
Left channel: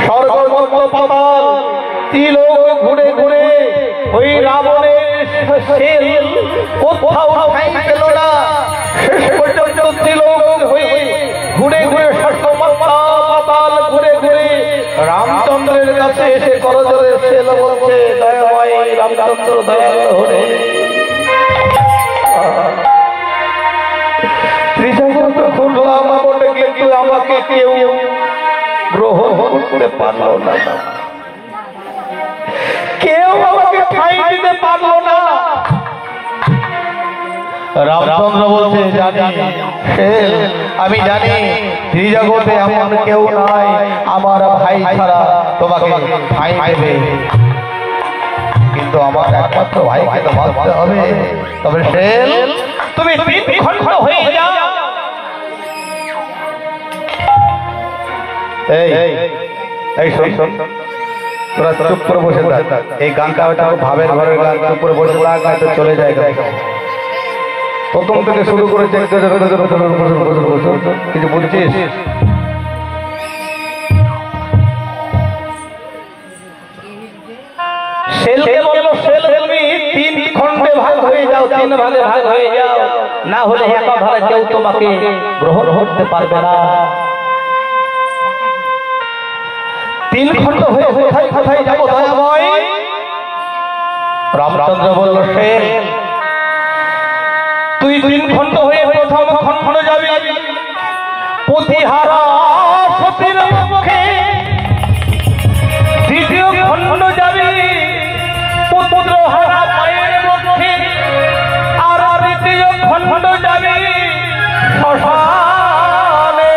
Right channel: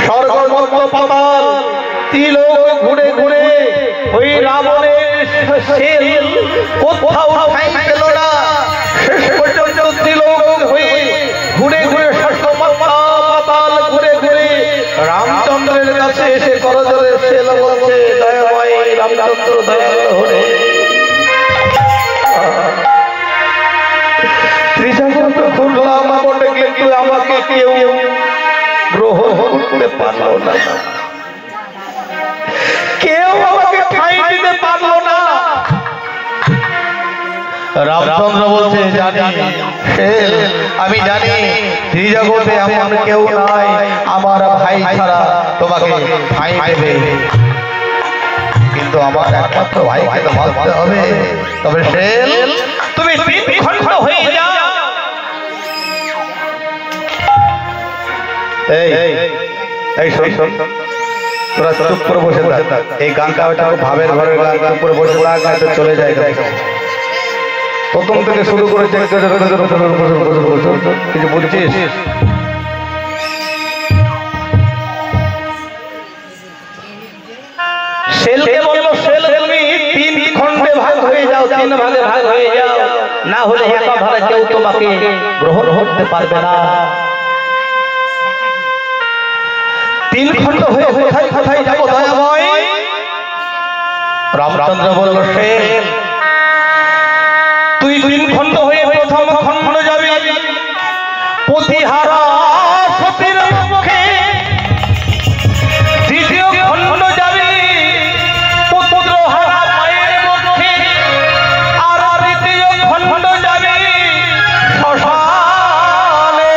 স্বর্গ মর্ত্য পাতাল ত্রিলোক ঘুরে ঘুরে ওই রাবণের শেল কোথাও ঠাঁই পেল না। শেষ পর্যন্ত ত্রিলোক হয়ে ঘুরে ঘুরে পাতাল ঘুরে ঘুরে রামচন্দ্রের কাছে এসে করজোড়ে শেল বলছে, দয়াময় রামচন্দ্র, দয়াল হরে, ত্রিজগৎ ঘুরলাম বটে, কিন্তু আমাকে কেউ গ্রহণ করতে পারলো না, কেউ আমাকে ঠাঁই দিতে পারলো না। রামচন্দ্র বলছে, জানি শেল, আমি জানি ত্রিজগতে এমন কেউ নাই আমার ভাই ছাড়া তোমাকে ঠাঁই দেবে, কিন্তু আমার একমাত্র ভাইকে তো মারতে হবে। তবে শেল তুমি 3 খণ্ড হয়ে যাও। এই শোন, তোরা চুপ করে বসে থাক। এই গানটা ওটা ভাবের ঘরের গান, চুপ করে বসে থাক, না তো চলে যায়। প্রথম থেকে শুরু করে কিছু বলছিস? শেলকে বলবো, শেল তুমি 3 খণ্ডে ভাগ হয়ে যাও, 3 ভাগে ভাগ হয়ে যাও, না হলে একাধারে কেউ তোমাকে গ্রহণ করতে পারবে না। 3 খণ্ড হয়ে কোথায় কোথায় যাবো দয়াময়? রামচন্দ্র বলল, শেল তুই 3 খণ্ড হয়ে প্রথম খণ্ড যাবি প্রতিহারা সতীর মুখে, দ্বিতীয় খণ্ড যাবি পুত্রহারা মায়ের মুখে, আর তৃতীয় খণ্ড যাবি শ্মশানে।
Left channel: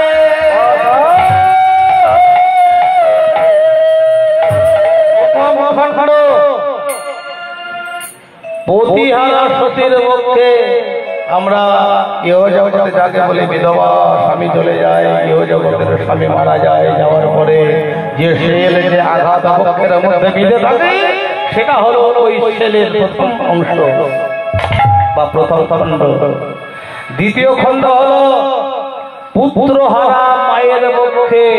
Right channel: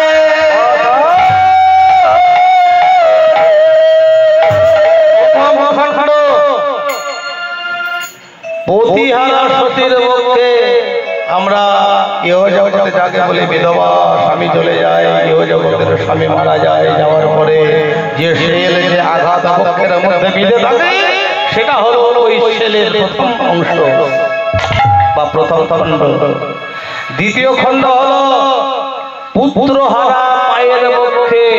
প্রতিহারা সতীর মুখে আমরা ইহ জগতে যাকে বলি বিধবা, স্বামী চলে যায়, ইহ জগতের স্বামী মারা যায়, যাওয়ার পরে যে শেল যে আঘাত বক্ষের মধ্যে বিঁধে থাকে সেটা হলো ওই শেলের প্রথম অংশ বা প্রথম খণ্ড। দ্বিতীয় খণ্ড হলো পুত্রহারা মায়ের মুখে,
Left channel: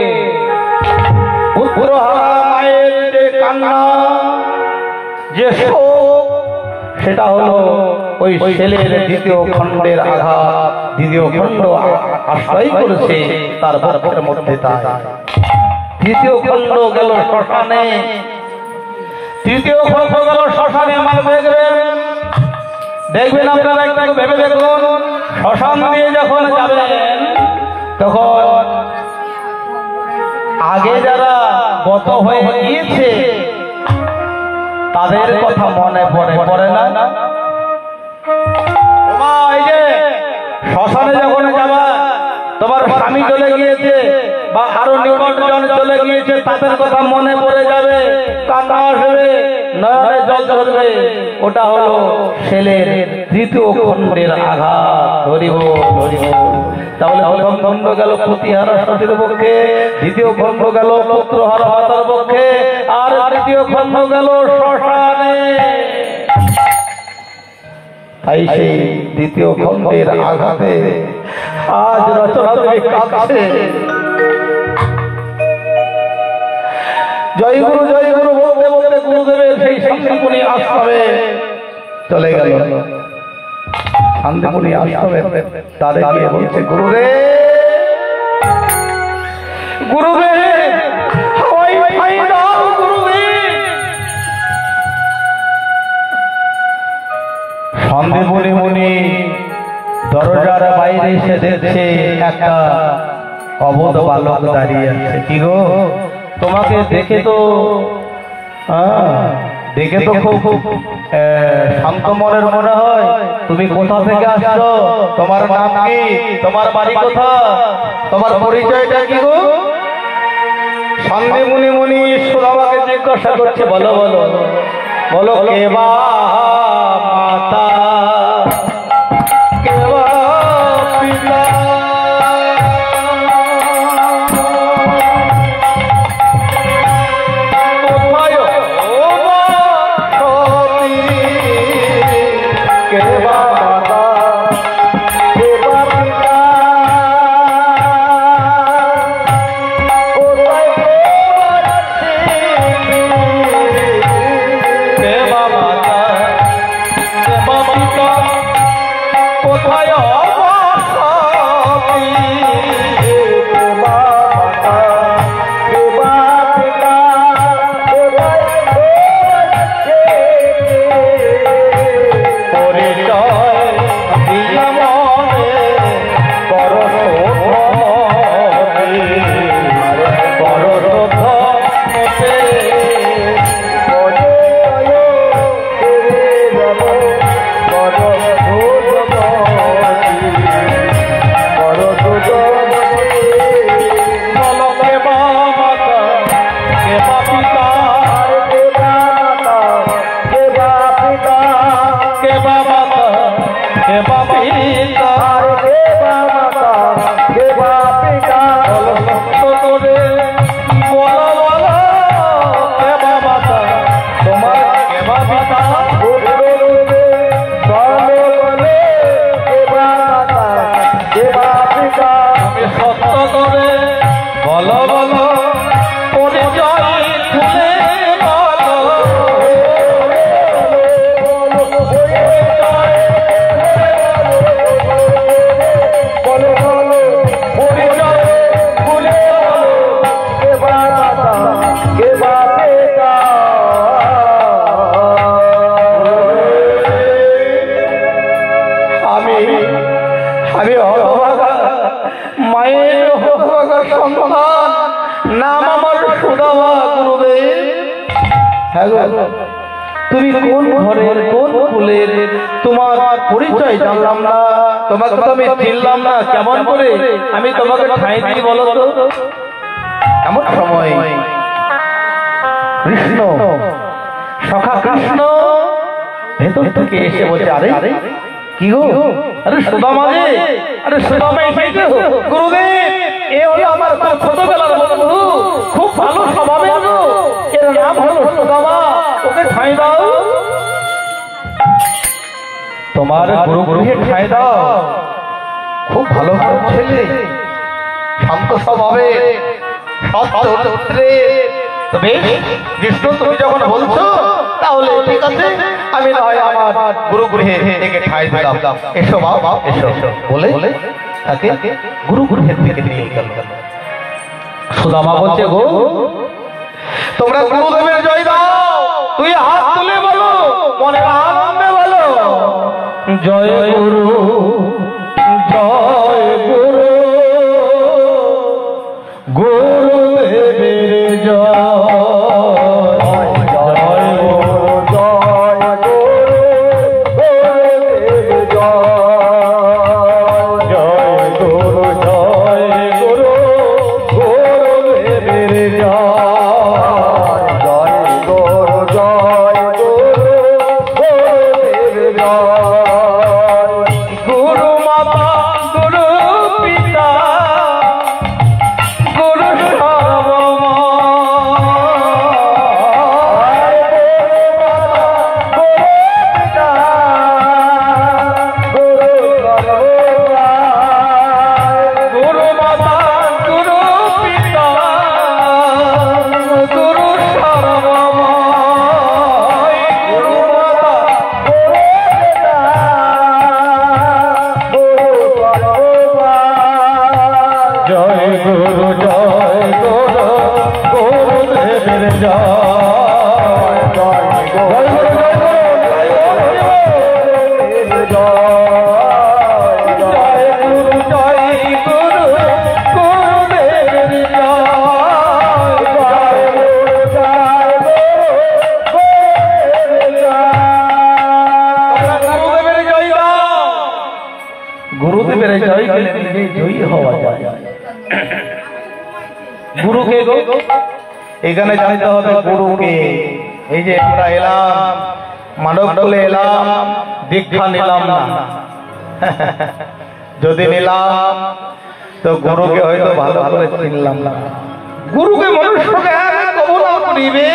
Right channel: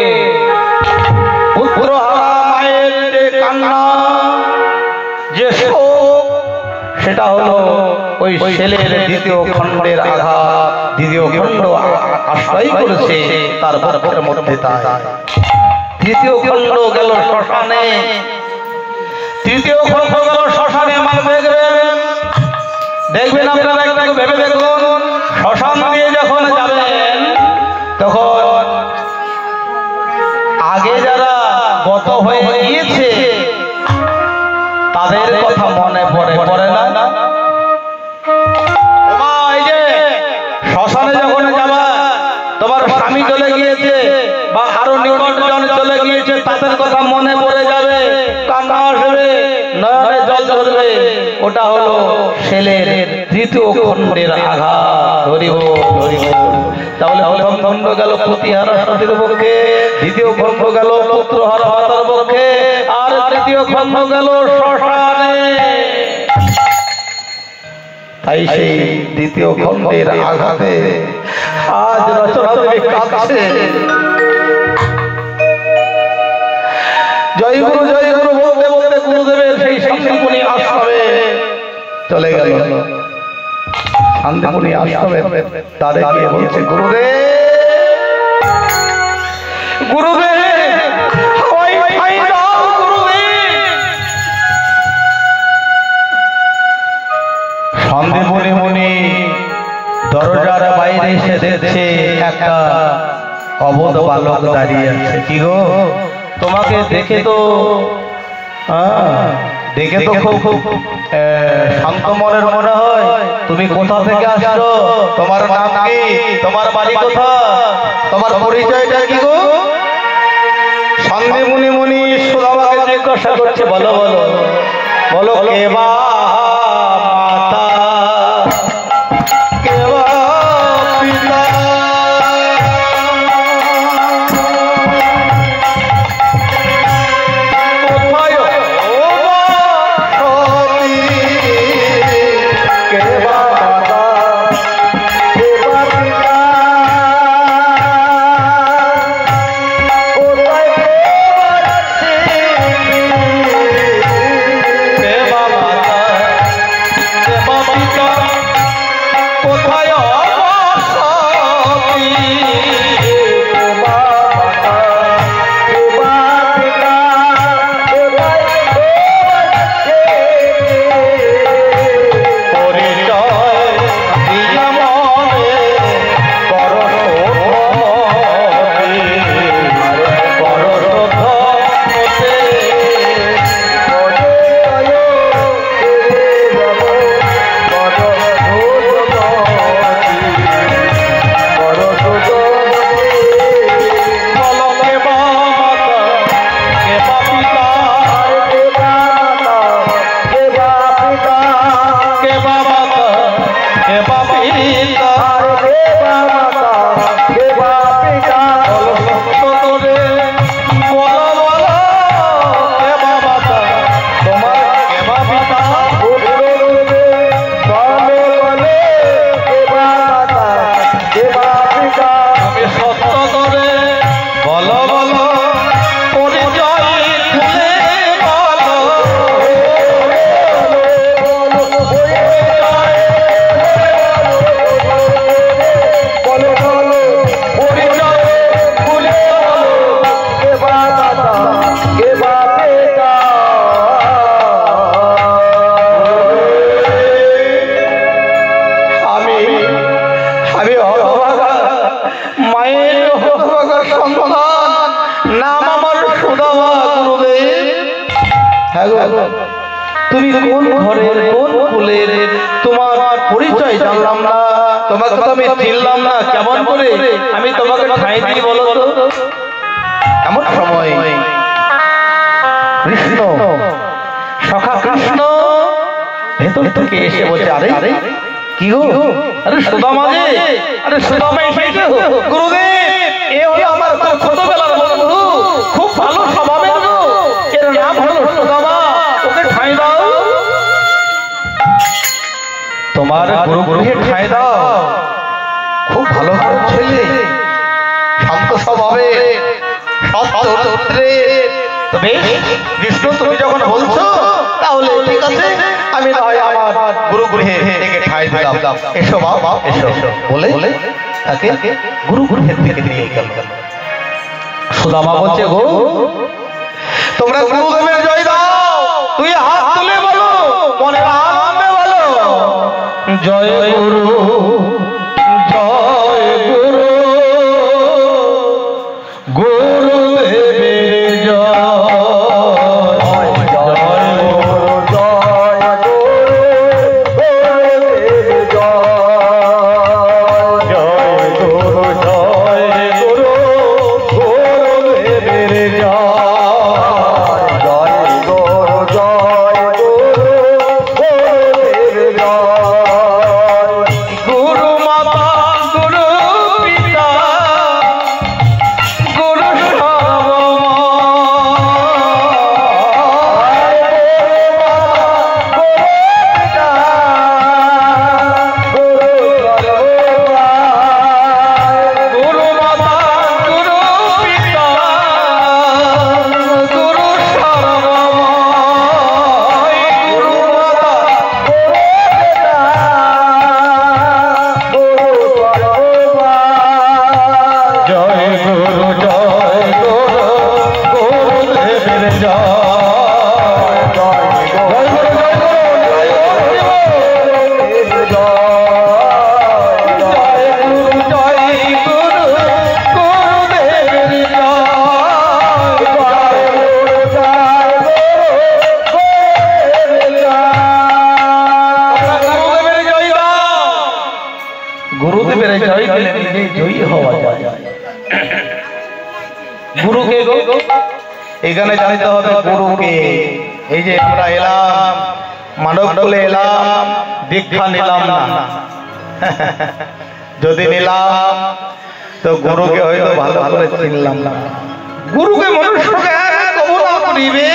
পুত্রহারা মায়ের যে কান্না, যে শোক, সেটা হলো ওই শেলের দ্বিতীয় খণ্ডের আঘাত। দ্বিতীয় খণ্ড আশ্রয় করেছে তার বক্ষের মধ্যে। তৃতীয় খণ্ড গেল শ্মশানে। তৃতীয় খণ্ড গেল শ্মশানে। মানে দেখবেন আপনারা একটু ভেবে দেখুন, শ্মশান দিয়ে যখন যাবেন তখন আগে যারা গত হয়ে গিয়েছে তাদের কথা মনে পড়ে না? এই যে শ্মশানে যখন যাবা, তোমার স্বামী চলে গিয়েছে বা আরো নিকটজন চলে গিয়েছে, তাদের কথা মনে পড়ে যাবে, কান্না আসবে, নয়নে জল ঝরবে। ওটা হলো শেলের তৃতীয় খণ্ডের আঘাত। হরি বল, হরি বল। তাহলে প্রথম খণ্ড গেল প্রতিহারা সতীর পক্ষে, দ্বিতীয় খণ্ড গেল পুত্রহারা মাতার পক্ষে, আর তৃতীয় খণ্ড গেল শ্মশানে। তাই সেই দ্বিতীয় খণ্ডের আঘাতে আজ রচনা দেবী কাঁদছে। জয় গুরু জয় গুরু বলতে বলতে গুরুদেবের সেই শান্তিপুনি আশ্রমে চলে গেল। শান্তিপুনি আশ্রমে তাদের গিয়ে বলছে, গুরুদেব গুরুদেব হাওয়াই খাই দাও গুরুদেব। শান্তিপুনি মুনি দরজার বাইরে এসে দেখছে একটা অবোধ বালক দাঁড়িয়ে আছে। কি গো, তোমাকে দেখে তো খুব শান্ত মনের মনে হয়। তুমি কোথা থেকে আসছো? তোমার নাম কি? তোমার বাড়ি কোথা? তোমার পরিচয়টা কি গো? শান্তিপুনি মুনি সুদামাকে জিজ্ঞাসা করছে, বলো বলো বলো, কে বা মাতা, কে বা পিতা? কেবা পিতা দেবা মাতা দেবা পিতা তোরে বলো বলো কেবা মাতা তোমার কেবা পিতা বলে দেবা মাতা দেবা পিতা আমি সত্য করে বলো বলো পরিচয় খুলে বলো বলো বলো পরিচয় খুলে বলো দেবা মাতা দেবা পিতা আমি আমি হতভাগা মায়ের হতভাগা সন্তান নাম আমার সুদামা গুরুদেব। হ্যাঁ গো, তুমি কোন ঘরের কোন কুলের তোমার পরিচয় জানলাম না, তোমাকে তো আমি চিনলাম না, কেমন করে আমি তোমাকে ঠাঁই দিই বলো তো। এমন সময় কৃষ্ণ সখা কৃষ্ণ ভেতর থেকে এসে বলছে, আরে কি গো, আরে সুদামা যে, আরে সুদামা এসেছো গুরুদেব, এ হলো আমার খুব ছোটবেলার বন্ধু, খুব ভালো স্বভাবের গো, এর নাম হলো সুদামা, ওকে ঠাঁই দাও, তোমার গুরুগৃহে ঠাঁই দাও, খুব ভালো ছেলে, শান্ত স্বভাবে, সৎ চরিত্রে। তো বেশ কৃষ্ণ, তুমি যখন বলছো তাহলে ঠিক আছে, আমি না হয় আমার গুরুগৃহে থেকে ঠাঁই দিলাম, এসো বাবা এসো বলে তাকে গুরুগৃহের থেকে নিয়ে গেল। সুদামা বলছে, গো তোমরা গুরুদেবের জয় দাও, তুই হাত তুলে বলো, মনের আনন্দে বলো, জয় গুরু জয় গুরু, গুরুদেবের জয়, জয় গুরু জয় গুরু জয় গুরু গুরুদেবের জয়, জয় গুরু জয় গুরু গুরুদেব জয় গুরু মাতা গুরু পিতা গুরু গুরু মাতা গুরু পিতা গুরু সর্বময়, গুরু মাতা জয় গুরু জয় গুরু গুরুদেবের জয়, জয় গুরু জয় গুরু জয় গুরু গুরুদেবের গুরুদেবের জয় গেলে নিজেই জয়ী হওয়া যায়। গুরুকে গো এখানে জানতে হবে গুরুকে। এই যে আমরা এলাম মানব বলে এলাম, দীক্ষা নিলাম না, যদি নিলাম তো গুরুকে হয়তো ভালো করে চিনলাম না। গুরুকে মনুষ্যকে কবু না করিবে,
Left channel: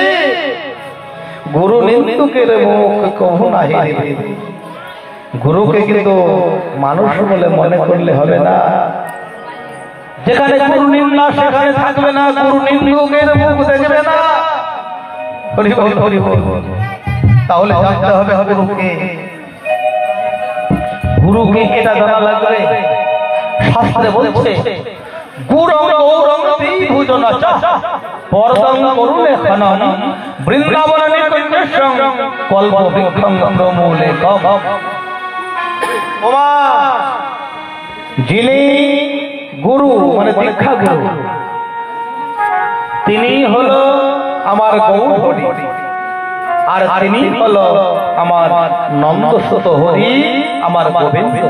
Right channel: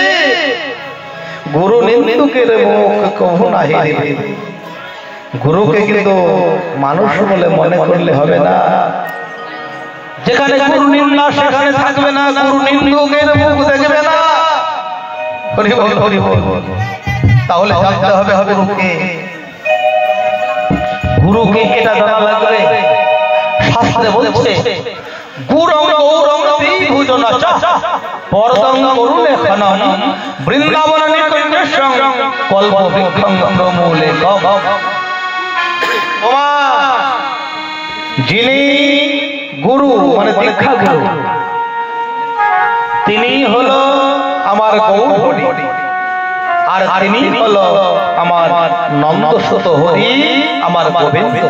গুরু নিন্দুকের মুখ কবু না হেরিবে। গুরুকে কিন্তু মানুষ বলে মনে করলে হবে না, যেখানে গুরু নিন্দা সেখানে থাকবে না, গুরু নিন্দুকের মুখ দেখবে না। হরি বল হরি বল। তাহলে জানতে হবে গুরুকে। গুরুকে এটা জানা লাগবে, শাস্ত্রে বলছে গুরং গৌরং ত্রিভুজনা চ পরদং করুলে খনন বৃন্দাবন নিকঞ্জস্যং কল্প বৃক্ষং প্রমূলে কব। যিনি গুরু মানে দীক্ষা গুরু, তিনি হলো আমার গৌর হরি, আর তিনি হলো আমার নন্দসুত হরি, আমার গোবিন্দ।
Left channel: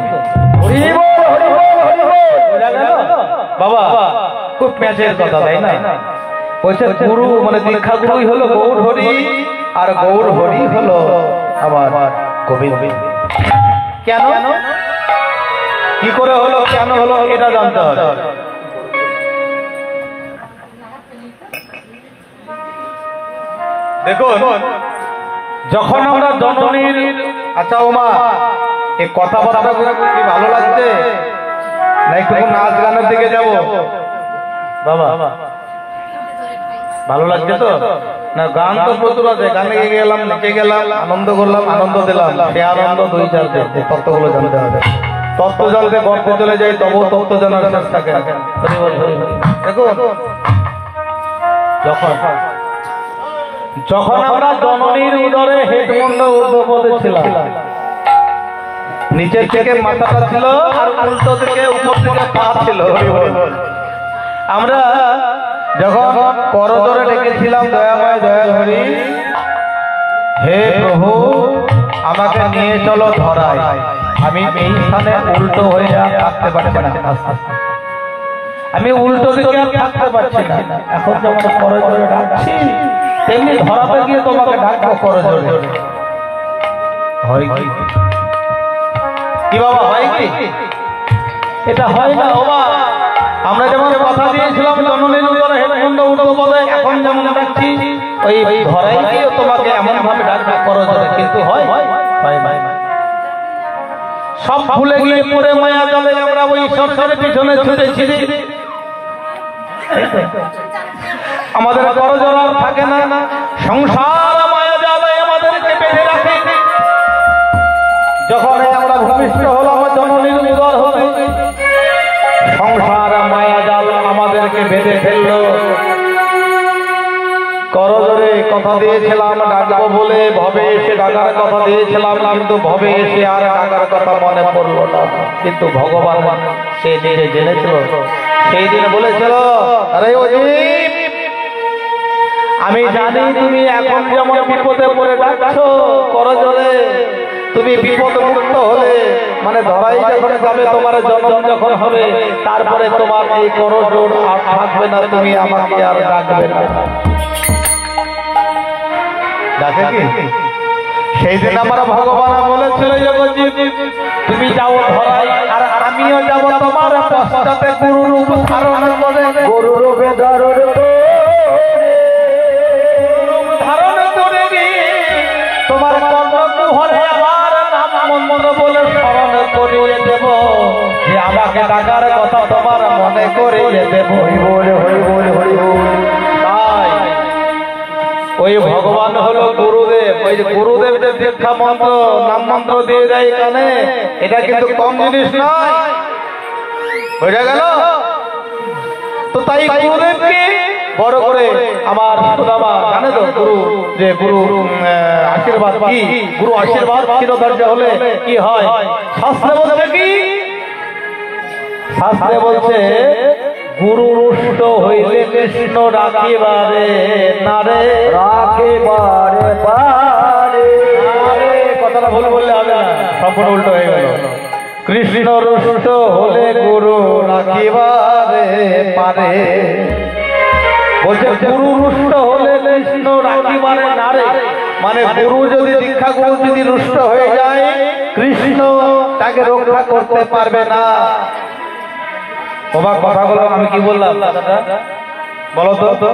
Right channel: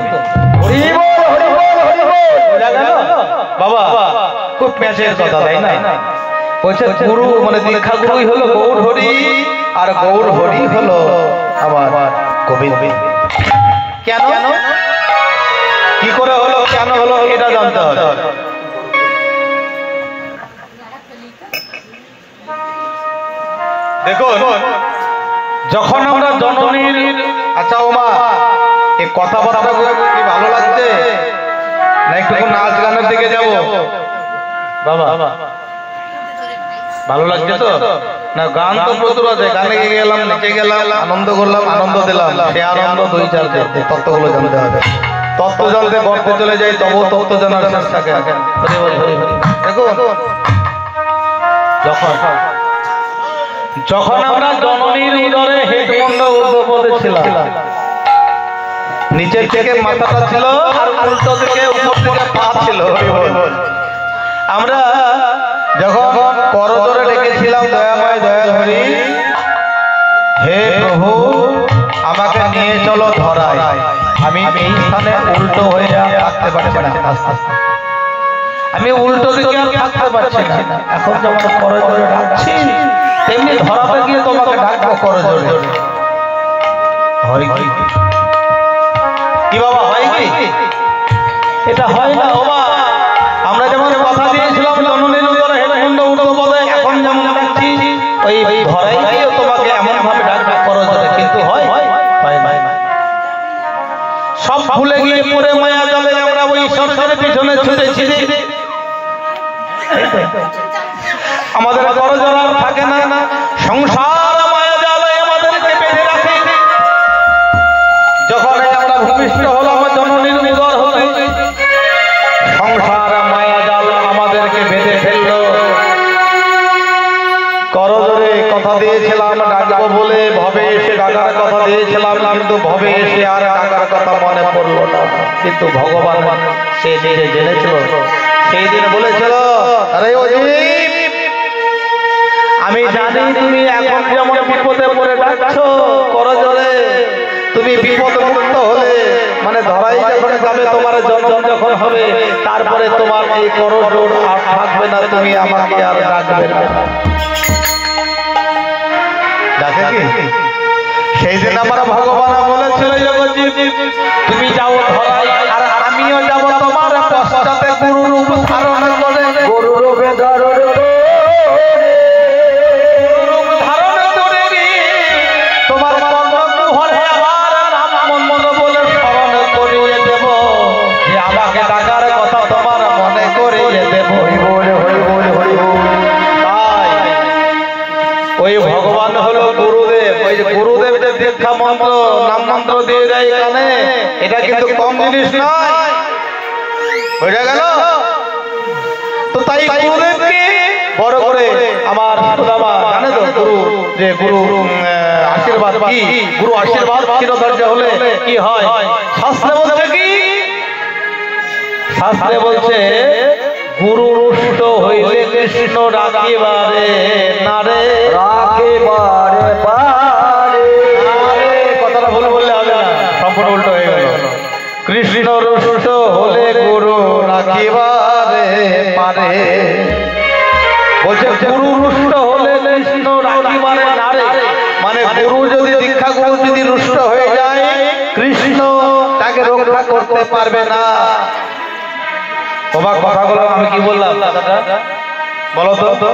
হরি বল হরি বল হরি বল। বোঝা গেল বাবা? খুব প্যাঁচের কথা, তাই না? বলছে গুরু মানে দীক্ষা গুরুই হলো গৌর হরি, আর গৌর হরি হলো আমার গোবিন্দ। কেন কি করে হলো কেন হলো এটা জানতে হবে। দেখুন যখন আমরা জননীর আচ্ছা ওমা এই কথাবার্তা কি ভালো লাগছে না একটু নাচ গানের দিকে যাব বাবা ভালো লাগছে তো না গান তো প্রচুর আছে গানে গেলাম নেচে গেলাম আনন্দ করলাম আনন্দ দিলাম সে আনন্দ দুই চার দিন তত্ত্বগুলো জানতে হবে তত্ত্ব জানতে গর্তে চলে যাই তবু তত্ত্ব জানার চেষ্টা করেন দেখুন যখন আমরা জননীর উদরে হেডমন্ড ঊর্ধ্বপদে ছিলাম নিচের থেকে মাথাটা ছিল আর উল্টো দিকে উপর দিকে পা ছিল আমরা যখন করজোরে ডেকেছিলাম দয়াময় দয়াহরি হে প্রভু আমাকে নিয়ে চলো ধরায় আমি এই স্থানে উল্টো হয়ে থাকতে পারছি না আমি উল্টো দিকে আর থাকতে পারছি না এখন যখন করজোরে ডাকছি তেমনি ধরাতে গিয়ে তোমাকে ডাকবো করজোরে হয় কি বাবা হয় কি এটা হয় না বাবা আমরা যেমন কথা দিয়েছিলাম জননীর উদরে হেডমন্ড ঊর্ধ্বপদে এখন যেমন ডাকছি ওই ধরাই গিয়ে তোমাকে এমন ভাবে ডাকবো করজোরে কিন্তু হয় সব ভুলে গিয়ে পরে মায়া জালে আমরা ওই সরকারের পিছনে ছুটেছি আমাদের করজোড়া থাকে না সংসার মায়া জালে আমাদেরকে বেঁধে রাখে যখন আমরা ভূমিষ্ঠ হলাম জননীর উদর হতে সংসার মায়া জাল আমাদেরকে বেঁধে ফেললো করজোরে কথা দিয়েছিলাম ডাকবো বলে ভবে এসে ডাকার কথা দিয়েছিলাম কিন্তু ভবে এসে আর ডাকার কথা মনে পড়লো না কিন্তু ভগবান সে নিজে জেনেছিল সেই দিন বলেছিল আরে আমি জানি তুমি এখন যেমন বিপদে পড়ে ডাকছো করজোরে তুমি বিপদ মুক্ত হলে মানে ধরাই যখন যাবে তোমার জন্ম যখন হবে তারপরে তোমার এই করজোড় আর থাকবে না তুমি আমাকে আর ডাকবে না ডাকে কি সেই দিন আমার ভগবান বলেছিল তুমি যাও ধরাই আর আমিও যাব তোমার পশ্চাতে গুরু রূপ ধারণ করে গুরু রূপে ধারণ করে তোমার কর্ণকুহরে আমার নাম মন্ত্র বলে স্মরণ করিয়ে দেব যে আমাকে ডাকার কথা তোমার মনে করিয়ে দেব ওই ভগবান হলো গুরুদেব ওই যে গুরুদেব যে দীক্ষা মন্ত্র নাম মন্ত্র দিয়ে যায় এখানে এটা কিন্তু কম জিনিস নয় বুঝা গেল তো তাই গুরুদেবকে বড় করে আমার সুদামা জানে তো গুরু যে গুরু আশীর্বাদ কি গুরু আশীর্বাদ চিরধৈর্য হলে কি হয় শাস্ত্রে বলছে কি শাস্ত্রে বলছে গুরু রুষ্ট হইলে কৃষ্ণ রাখিবারে নারে রাখিবারে পারে কথাটা ভুল বললে হবে না সম্পূর্ণ উল্টো হয়ে গেল কৃষ্ণ রুষ্ট হলে গুরু রাখিবারে পারে বলছে গুরু রুষ্ট হলে কৃষ্ণ রাখিবারে নারে মানে গুরু যদি দীক্ষা গুরু যদি রুষ্ট হয়ে যায় কৃষ্ণ তাকে রক্ষা করতে পারবে না তোমার কথাগুলো আমি কি বললাম বলো তো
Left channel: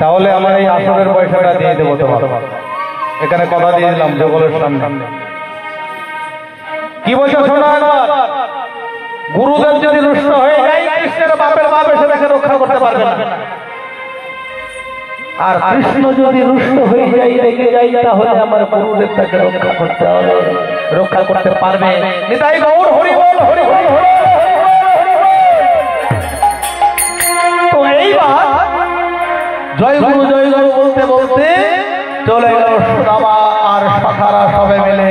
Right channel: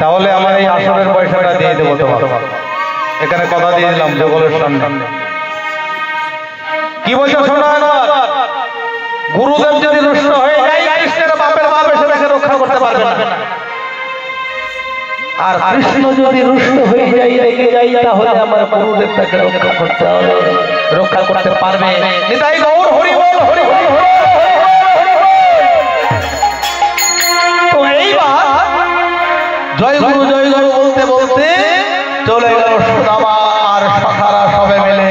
তাহলে আমার এই আসরের পয়সাটা দিয়ে দেবো তোমার এখানে কথা দিয়ে দিলাম জগলের সামনে কি বলছো শোনো একবার গুরুদেব যদি রুষ্ট হয়ে যায় কৃষ্ণের বাপের বাপ এসে তাকে রক্ষা করতে পারবে না আর কৃষ্ণ যদি রুষ্ট হয়ে যায় রেগে যাই তাহলে আমার গুরুদেব তাকে রক্ষা করতে হবে রক্ষা করতে পারবে নিতাই গৌর হরি বল হরি বল তো এইবার জয় গুরু বলতে বলতে চলে গেল সুদামা আর সখারা সবে মিলে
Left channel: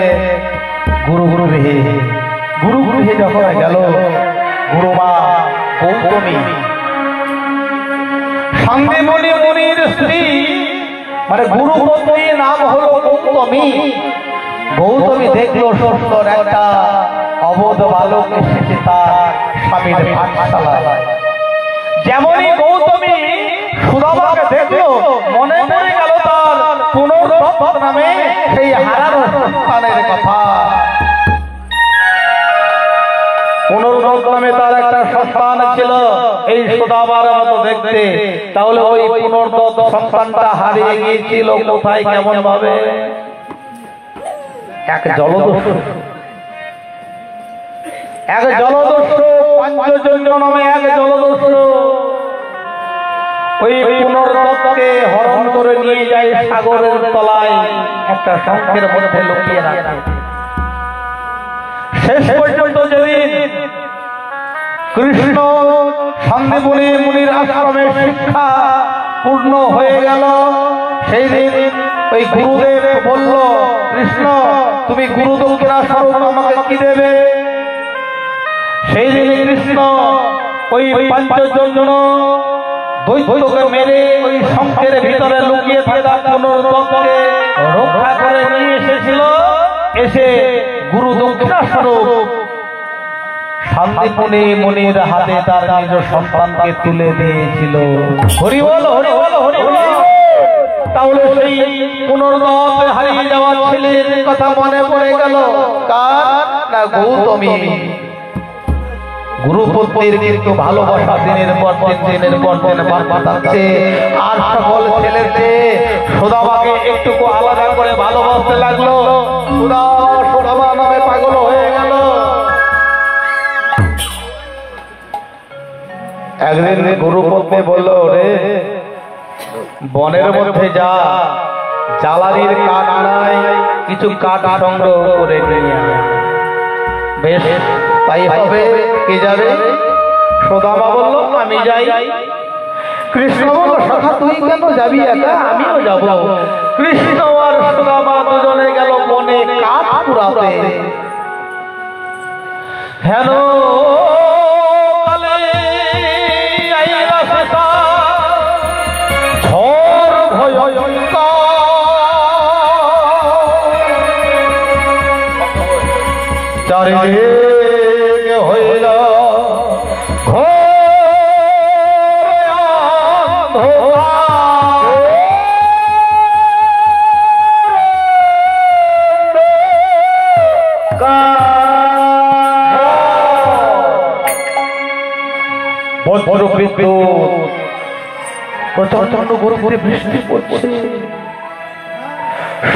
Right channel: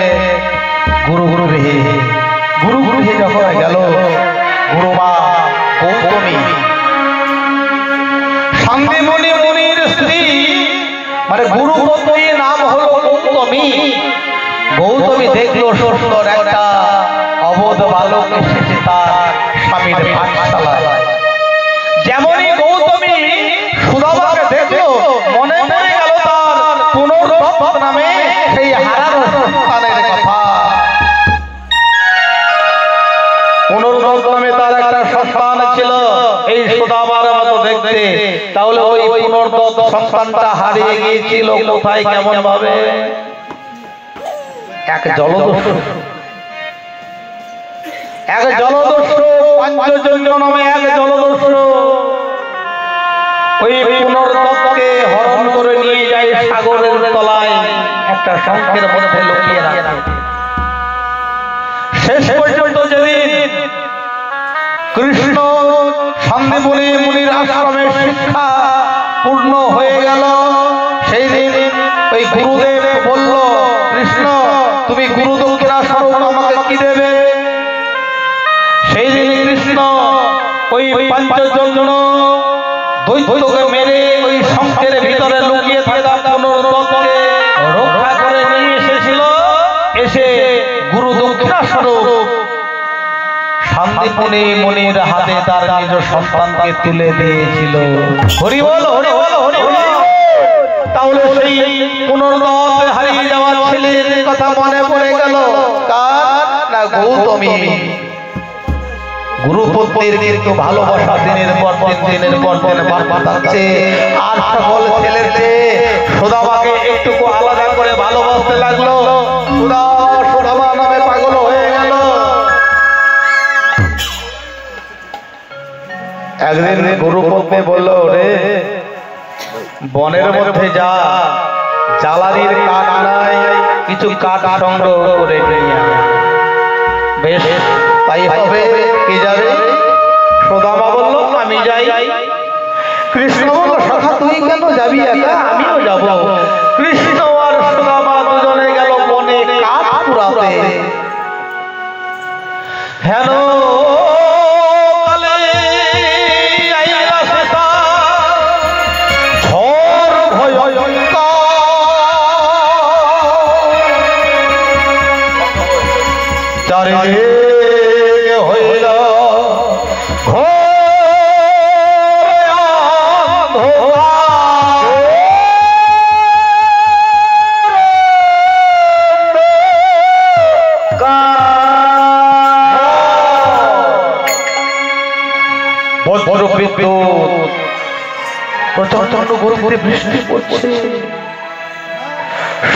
গুরু গৃহে যখন গেল গুরুমা গৌতমী সন্দেমণি মুনির স্ত্রী মানে গুরু গৌতমীর নাম হলো গৌতমী দেখলো সুন্দর একটা অবোধ বালক এসেছে তার স্বামীর পাঠশালায় যেমনই গৌতমী সুদামাকে দেখলো মনে পড়ে গেল তার পুনর্বার দত্ত নামে সেই হারানো সন্তানের কথা। পুনর্দত্ত নামে তার একটা সন্তান ছিল এই সুদামার মতো দেখতে। তাহলে ওই পুনর্দত্ত সন্তানটা হারিয়ে গিয়েছিল কোথায়, কেমন ভাবে? এক জলদস্যু পাঞ্চজন্য নামে এক জলদস্যু ওই পুনর্দত্তকে হরণ করে নিয়ে যায় সাগরের তলায়, একটা শঙ্খের মধ্যে লুকিয়ে রাখে। শেষ পর্যন্ত যেদিন কৃষ্ণ সন্দীপনী মুনির আশ্রমে শিক্ষা পূর্ণ হয়ে গেল, সেই দিন ওই গুরুদেব বলল, কৃষ্ণ তুমি গুরুদক্ষিণা স্বরূপ আমাকে কি দেবে? সেই দিন কৃষ্ণ ওই পাঞ্চজন্য দৈত্যকে মেরে ওই শঙ্খের ভিতরে লুকিয়ে থাকা পুনর্দত্তকে রক্ষা করে নিয়ে এসেছিল। এসে গুরু দক্ষিণা স্বরূপ সন্দীপনী মুনির হাতে তার নিজ সন্তানকে তুলে দিয়েছিল। হরি বল, হরি বল, হরি বল। তাহলে সেই পুনর্দত্ত হারিয়ে যাওয়া ছেলের কথা মনে পড়ে গেল কার? না গৌতমী। গুরুপুত্রের কিন্তু ভালোবাসা দিনের পর দিন বাড়ছে। আর সকল ছেলেতে সুদামাকে একটুকু আলাদা করে ভালোবাসতে লাগলো। সুদামা নামে পাগল হয়ে গেল। একদিন গুরুপত্নী বলল, রে বনের মধ্যে যা, জ্বালানির কাঠ নাই, কিছু কাঠ সংগ্রহ করে নিয়ে আয়। বেশ তাই হবে, কে যাবে? সুদামা বলল, আমি যাই। কৃষ্ণ বলল, সখা তুই কেন যাবি একা? আমিও যাব। কৃষ্ণ আর সুদামা দুজনে গেল বনে কাঠ কুড়াতে। হেন চারিদিকে হইল প্রচন্ড গরুপুরে বৃষ্টি পড়ছে।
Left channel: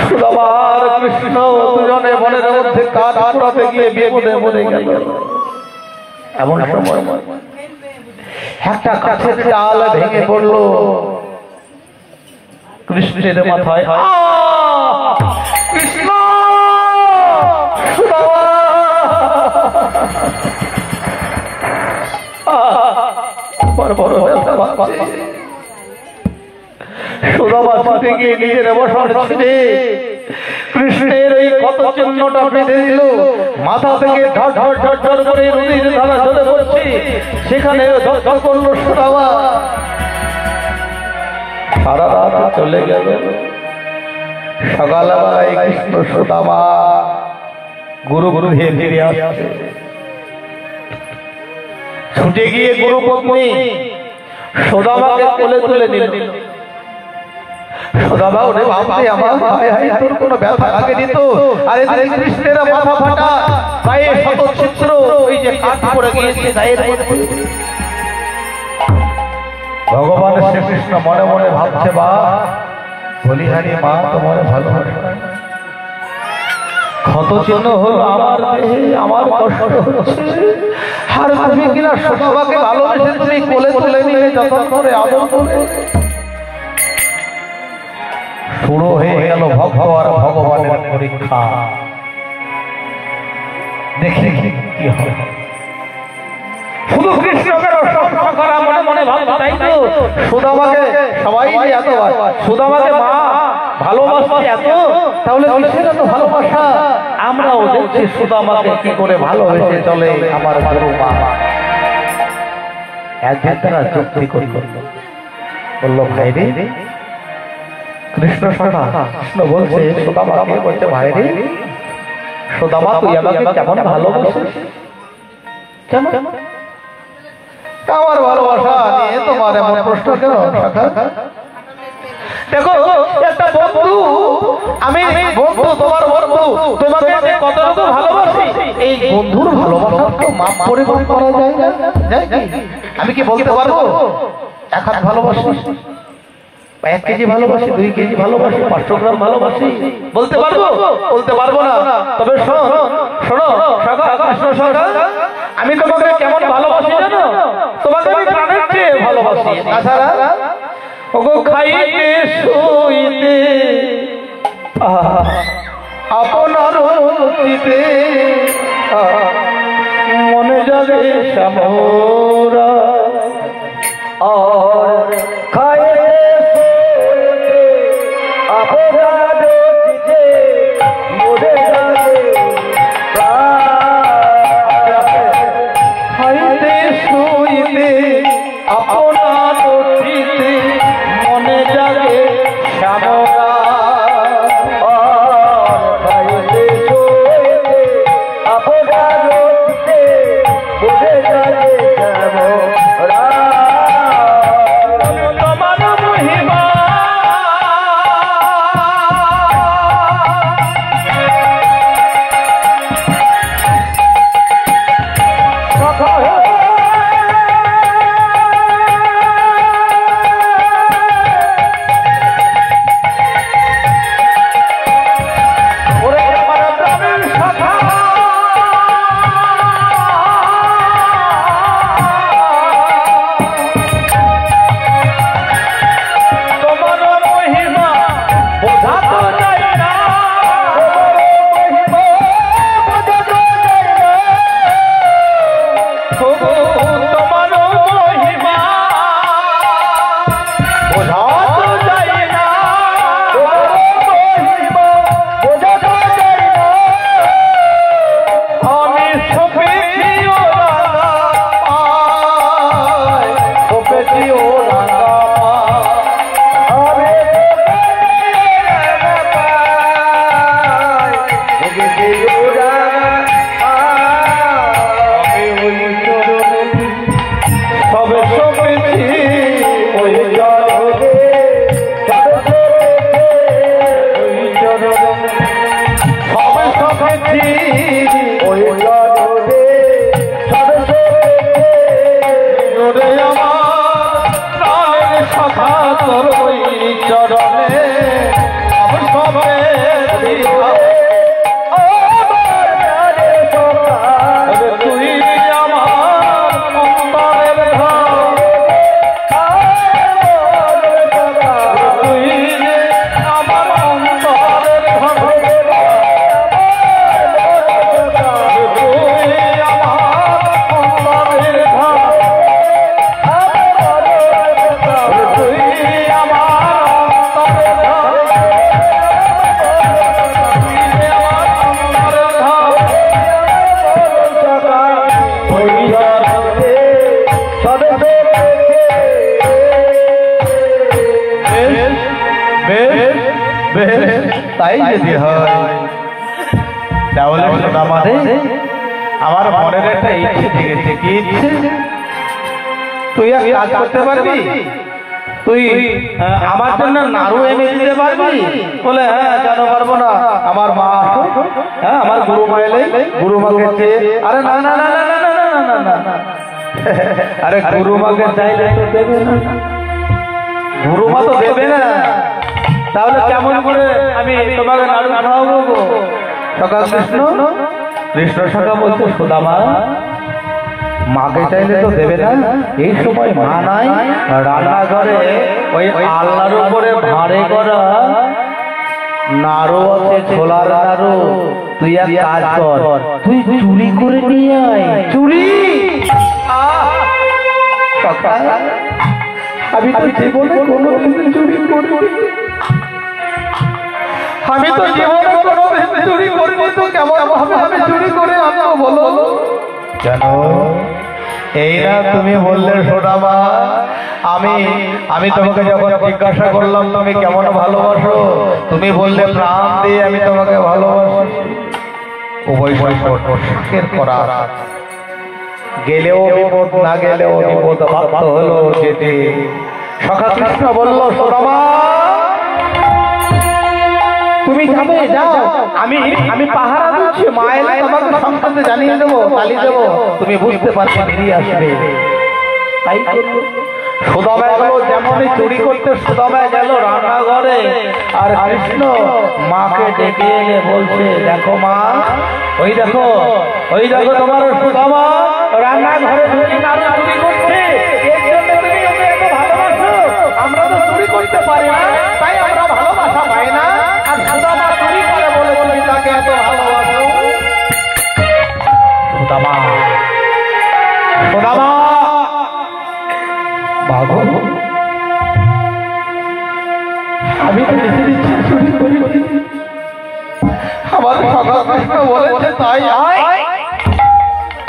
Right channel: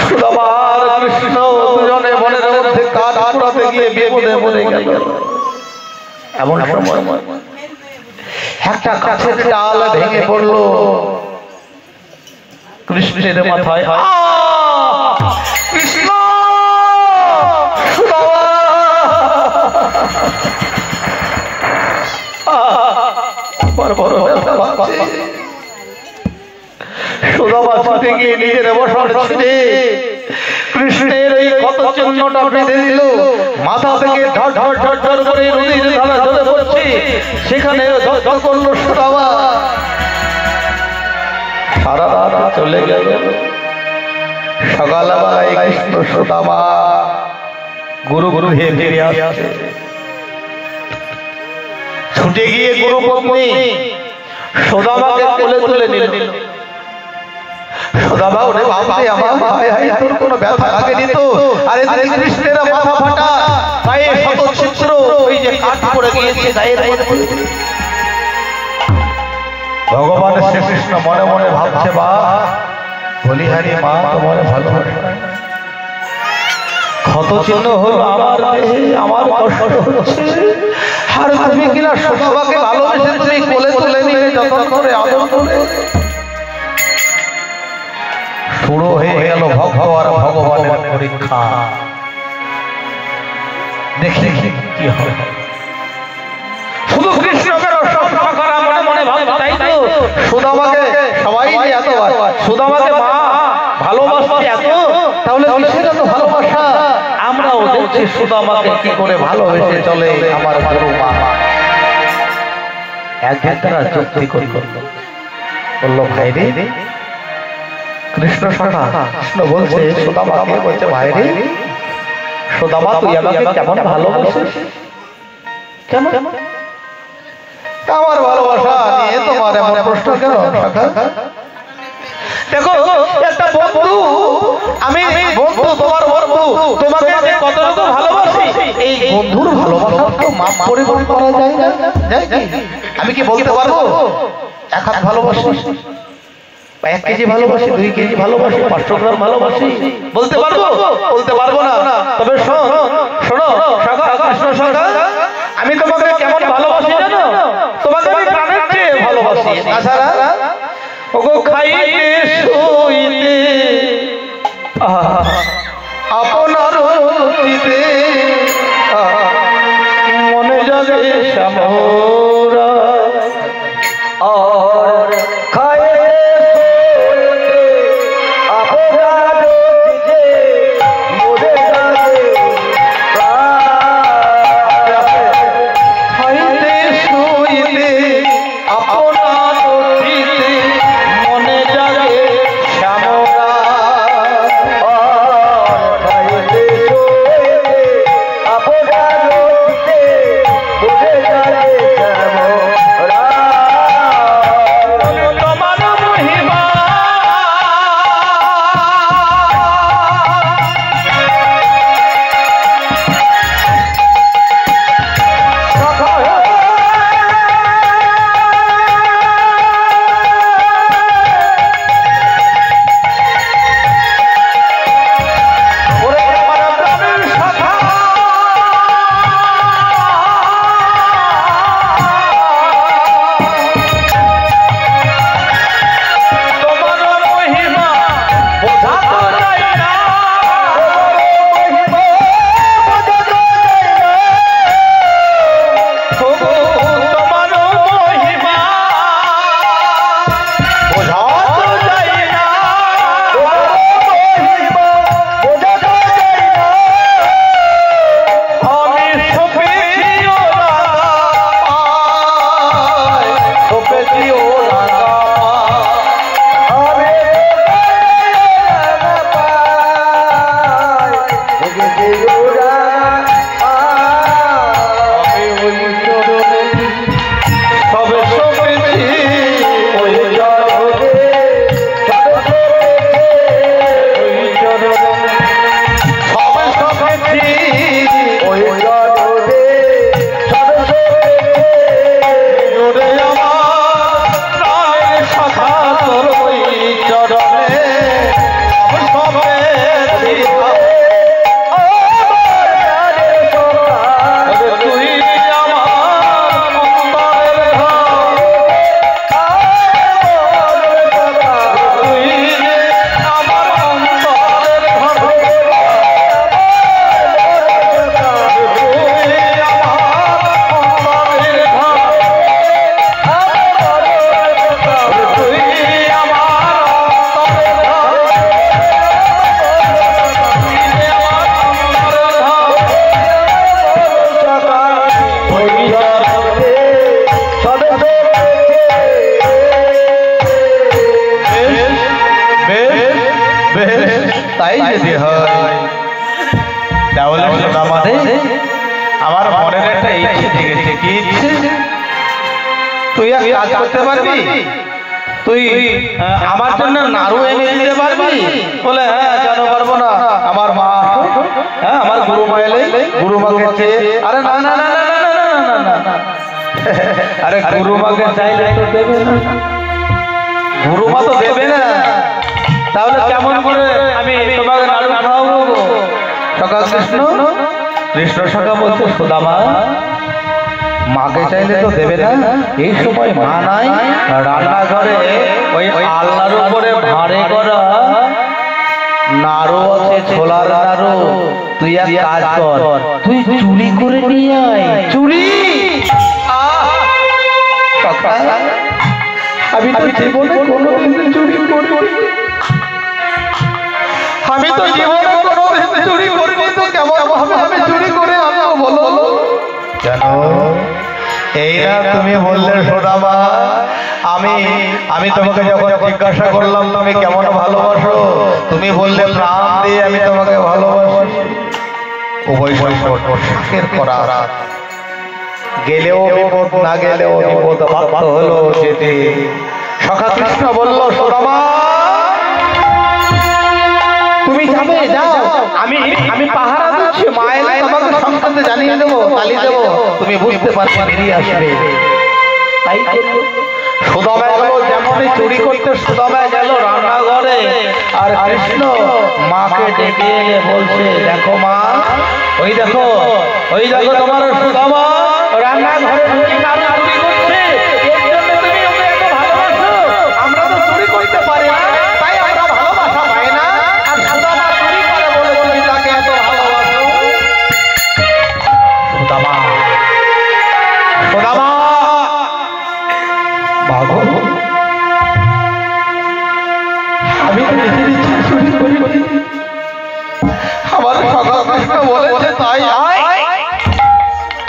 সুদামার কৃষ্ণ দুজনে বনের মধ্যে কাঠ কুড়াতে গিয়ে বিপদে পড়ে গেল। এমন সময় একটা গাছের ডাল ভেঙে পড়ল কৃষ্ণের মাথায়। কৃষ্ণ! সুদামা! বড় ব্যথা পাচ্ছে। সুদামা ছুটে গিয়ে নিজের অবসর ছেড়ে কৃষ্ণের এই ক্ষত চিহ্নটা বেঁধে দিল। মাথা থেকে ঝড় ঝড় ঝড় ঝড় করে নদীর ধারা ঝরে পড়ছে। সেখানে দগ্ধ করল সুদামা। সারা রাত চলে গেল। সকালবেলায় কৃষ্ণ সুদামা গুরু ফিরে আসছে। ছুটে গিয়ে গুরুপত্নী সুদামাকে কোলে তুলে নিল। সুদামা, ওরে বাপরে আমার, তোর কোনো ব্যথা আগে দিত? আরে কৃষ্ণের মাথা ফাটা, গায়ে শত ছিদ্র, ওই যে কাঠ পড়ে গিয়েছে গায়ের মধ্যে। ভগবান শ্রীকৃষ্ণ মনে মনে ভাবছে, বা বলিহারি মা তোমার ভালোবাসা, ক্ষত চিহ্ন হলো আমার দেহে, আমার কষ্ট হচ্ছে। আর তুমি কিনা সুদামাকে ভালোবেসে তুমি কোলে তুলে নিয়ে যতন করে আদর করে। শুরু হয়ে গেল ভক্ত আর ভগবানের পরীক্ষা। দেখি কি হবে। শুধু কৃষ্ণকে রক্ষা করা মনে মনে ভাবছে, তাই তো সুদামাকে সবাই এত, সুদামাকে মা ভালোবাসছে এত, তাহলে কিসের এত ভালোবাসা? আমরাও দেখছি সুদামাকে কি করে ভালোবেসে চলে আমার গুরু মা। একদিন তারা যুক্তি করল, বলল, ভাই রে, কৃষ্ণ সখা কৃষ্ণ বলছে সুদামাকে, বলছে, ভাই রে সুদামা, তুই আমাকে কেমন ভালোবাসিস? কেমন? আমার ভালোবাসা নিয়ে তোমার এমন প্রশ্ন কেন? দেখো, একটা বন্ধু, আমি বন্ধু, তোমার বন্ধু, তোমাকে যে কতটুকু ভালোবাসি, এই বন্ধুর ভালোবাসা তো মাপ পরিমাপ করা যায় না। আমি কি বলতে পারবো এক হাত ভালোবাসি, 1 কেজি ভালোবাসি, 2 কেজি ভালোবাসি, 500 গ্রাম ভালোবাসি? বলতে পারবো? বলতে পারবো না। তবে শোনো আমি তোমাকে কেমন ভালোবাসি জানো? তোমাকে আমি প্রাণের চেয়ে ভালোবাসি। তাছাড়া ওগো খাইতে শুইতে আপনার অতীতে মনে জাগে শ্যামরা, আর খাইতে শুইতে আপনার অতীতে মনে জাগে খাইতে শুইতে আপনার অতীতে মনে জাগে শ্যামরা, আর খাইতে শুইতে আপনার অতীতে মনে জাগে শ্যামরা। তোমার মহিমা তাই যদি হয় তাহলে আমাদের আমার মনের একটা ইচ্ছে জেগেছে। কি ইচ্ছে? তুই আর কাজ করতে পারবি? তুই আমার জন্য নাড়ু এনে দিতে পারবি? বলে হ্যাঁ, কেন পারবো না, আমার মা, হ্যাঁ আমার গুরুমা এলে গুরুমাকে চেয়ে, আরে না না না না না না না না, আরে গুরুমাকে চাইলে তো দেবে না, গুরুমা তো দেবে না, তাহলে কেমন করে আমি তোমাকে নাড়ু খাওয়াবো গো? সকাল কৃষ্ণ সখা বলছে, সুদামা মাকে চাইলে তো দেবে না, এই সময় মা নাই, রান্নাঘরে ওই আলনার উপরে ভাঁড়ে করা নাড়ু আছে, ছোলার নাড়ু, তুই এক কাজ কর, তুই চুরি করে নিয়ে আয়। চুরি? আমি তো জীবনে কোনোদিন চুরি করিনি, আমি তো জীবনে কোনোদিন চুরি করিনি, তো কেমন আমি চুরি করে আমিও বলো কেন? এই না তুমি বললে সুদামা, আমি তোমাকে যখন জিজ্ঞাসা করলাম তুমি কেমন ভালোবাসো, তুমি বললে প্রাণ দিয়ে আমি তোমাকে ভালোবাসি। উভয় সাকের করা, গেলেও বিপদ, না গেলেও বিপদ, বাধ্য হলো যেতে। সখা কৃষ্ণ বলল, সুদামা তুমি যাবে যাও, আমি আমি পাহারা দিচ্ছি, মা এলে তোমাকে সংবাদ জানিয়ে দেবো, তালি দেবো, তুমি বুঝতে পারবে, বেরিয়ে আসবে। তাই সুদামা গেল, যেমনই চুরি করতে সুদামা গেল রান্নাঘরে, আর কৃষ্ণ মাকে ডেকে এনে বলছে, দেখো মা, ওই দেখো তোমার সুদামা রান্নাঘরে ঢুকে নাড়ু চুরি করছে, এর জন্য তুমি ওকে এত ভালোবাসো। আমরা তো চুরি করতে পারি না, তাই আমরা ভালোবাসা পাই না, আর সুদামা চুরি করে বলে তুমি তাকে এত ভালোবাসো। সুদামা বাবু, আমি তো নিজে নিজে চুরি করি, আমার সখা কৃষ্ণ বলেছে তাই আয়,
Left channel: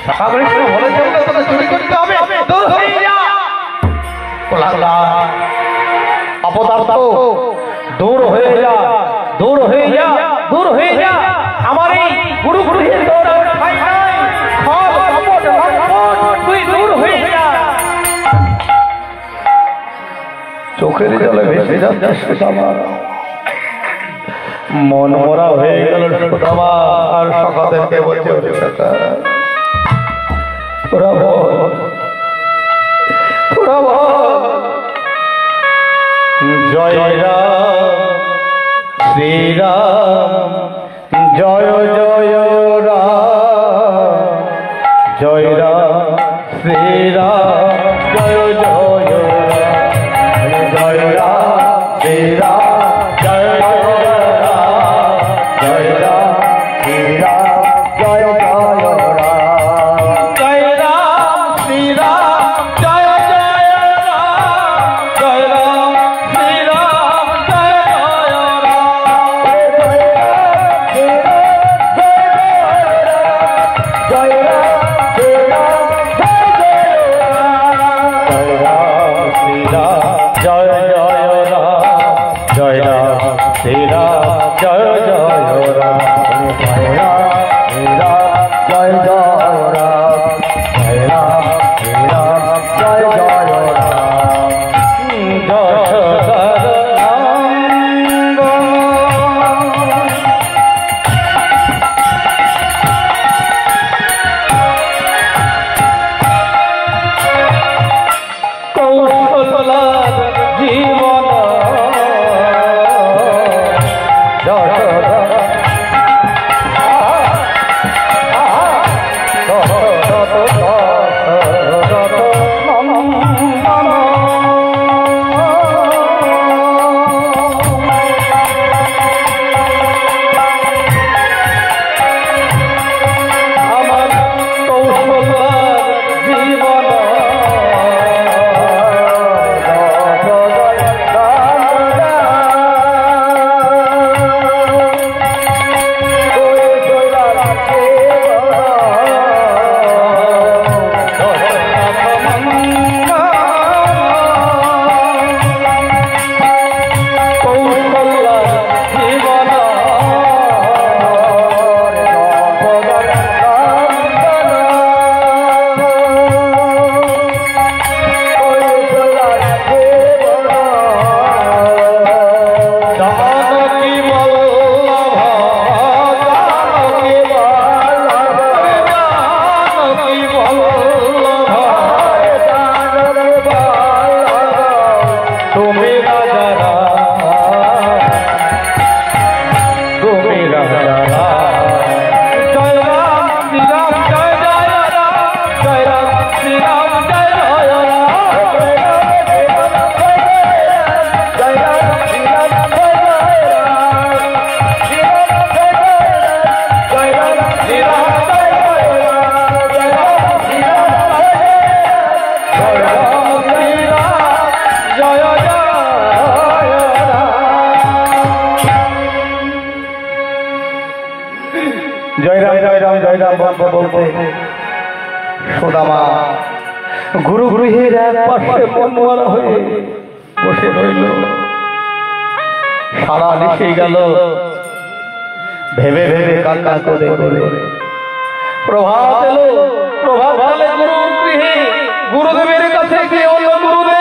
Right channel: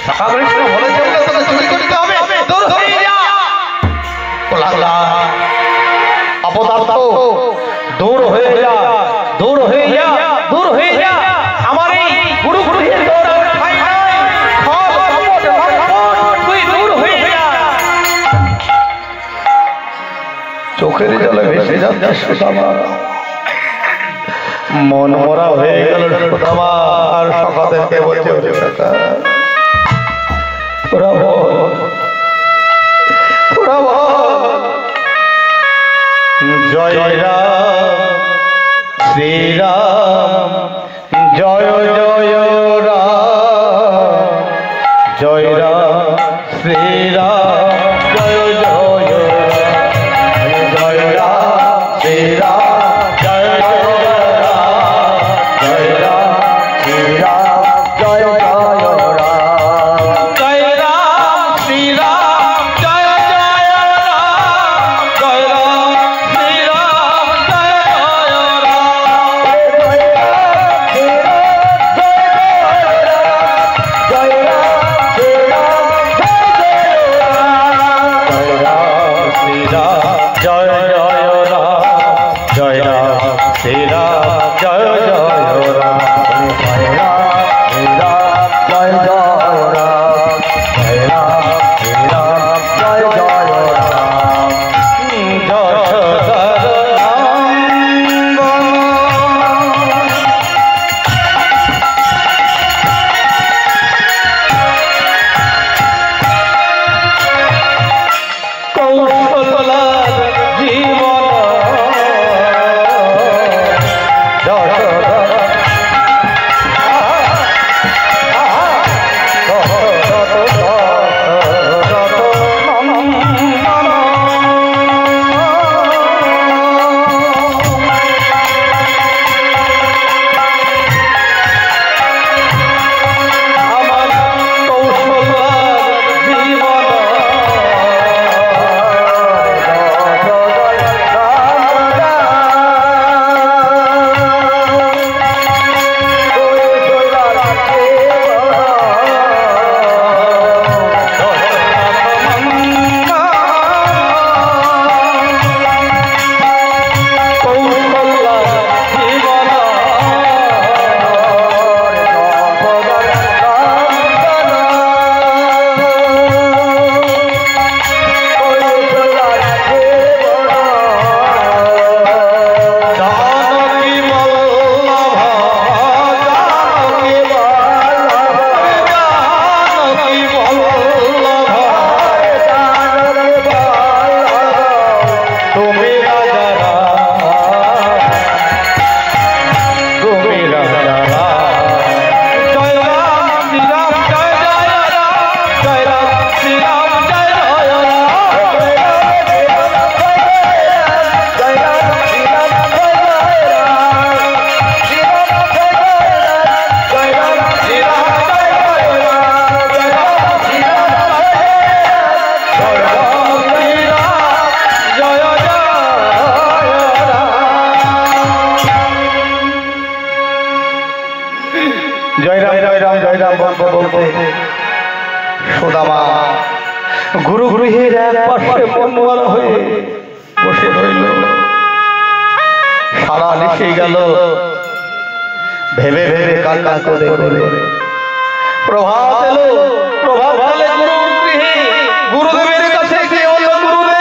সখা কৃষ্ণ বলেছে বলে তোকে চুরি করতে হবে, দূর হয়ে যা। কোলাঙ্গা অপদার্থ, দূর হয়ে যা, দূর হয়ে যা, দূর হয়ে যা। আমার এই গুরু গুরুদের দৌড়ানোর ঠাঁই নাই, খল কপট লম্পট, তুই দূর হয়ে যা। চোখের জলে ভেসে যাচ্ছে সুদামা, মন মরা হয়ে গেল সুদামা, আর সখাদেরকে বলছে, তোরা বল জয় রাম শ্রীরাম, জয় জয় রাম, জয় রাম শ্রীরাম, জয় জয় রাম, জয় রাম শ্রীরাম, জয় জয় রাম, জয় রাম শ্রীরাম, জয় জয় রাম, জয় রাম শ্রীরাম, জয় জয় রাম, জয় রাম শ্রীরাম, জয় জয় রাম, জয় রাম শ্রীরাম, জয় জয় রাম, জয় রাম শ্রীরাম, জয় জয় রাম, জয় রাম শ্রীরাম, জয় জয় রাম, যশোদার নন্দন কৌশলার জীবন, যশোদা আমার কৌশলার জীবন, সুদামা গুরু গৃহের এক পাশে মনমরা হয়ে বসে রইল। সারা লিখে গেল, ভেবে ভেবে কান্না করে করে প্রভাত এলো। প্রভাত হলে গুরু গৃহে গুরুদেবের কাছে গিয়ে বলল, গুরুদেব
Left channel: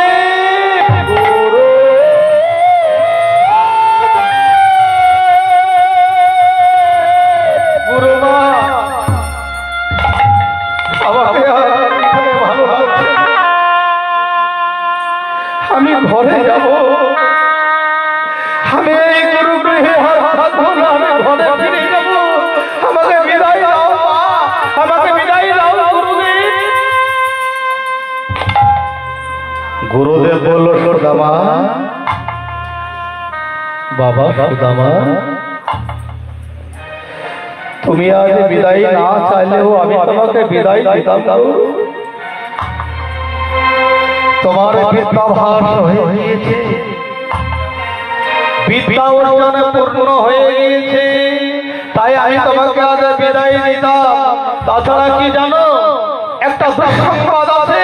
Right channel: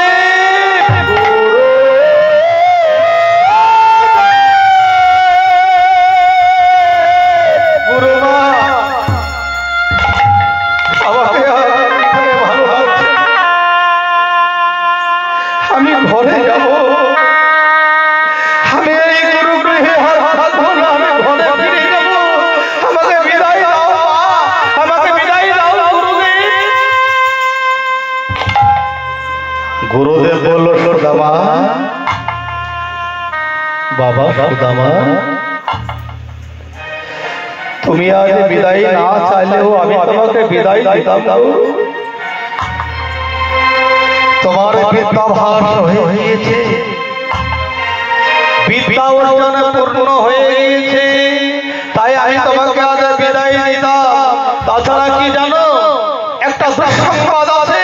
গুরুদেব বলল সুদামা, বাবা সুদামা, তুমি আজ বিদায় না চাইলেও আমি তোমাকে বিদায় দিতাম। তোমার বিদ্যাভাস হয়ে গিয়েছে, বিদ্যা অর্জনে পূর্ণ হয়ে গিয়েছে, তাই আমি তোমাকে আজ বিদায় দিতাম। তাছাড়া কি জানো, একটা দুঃসংবাদ আছে,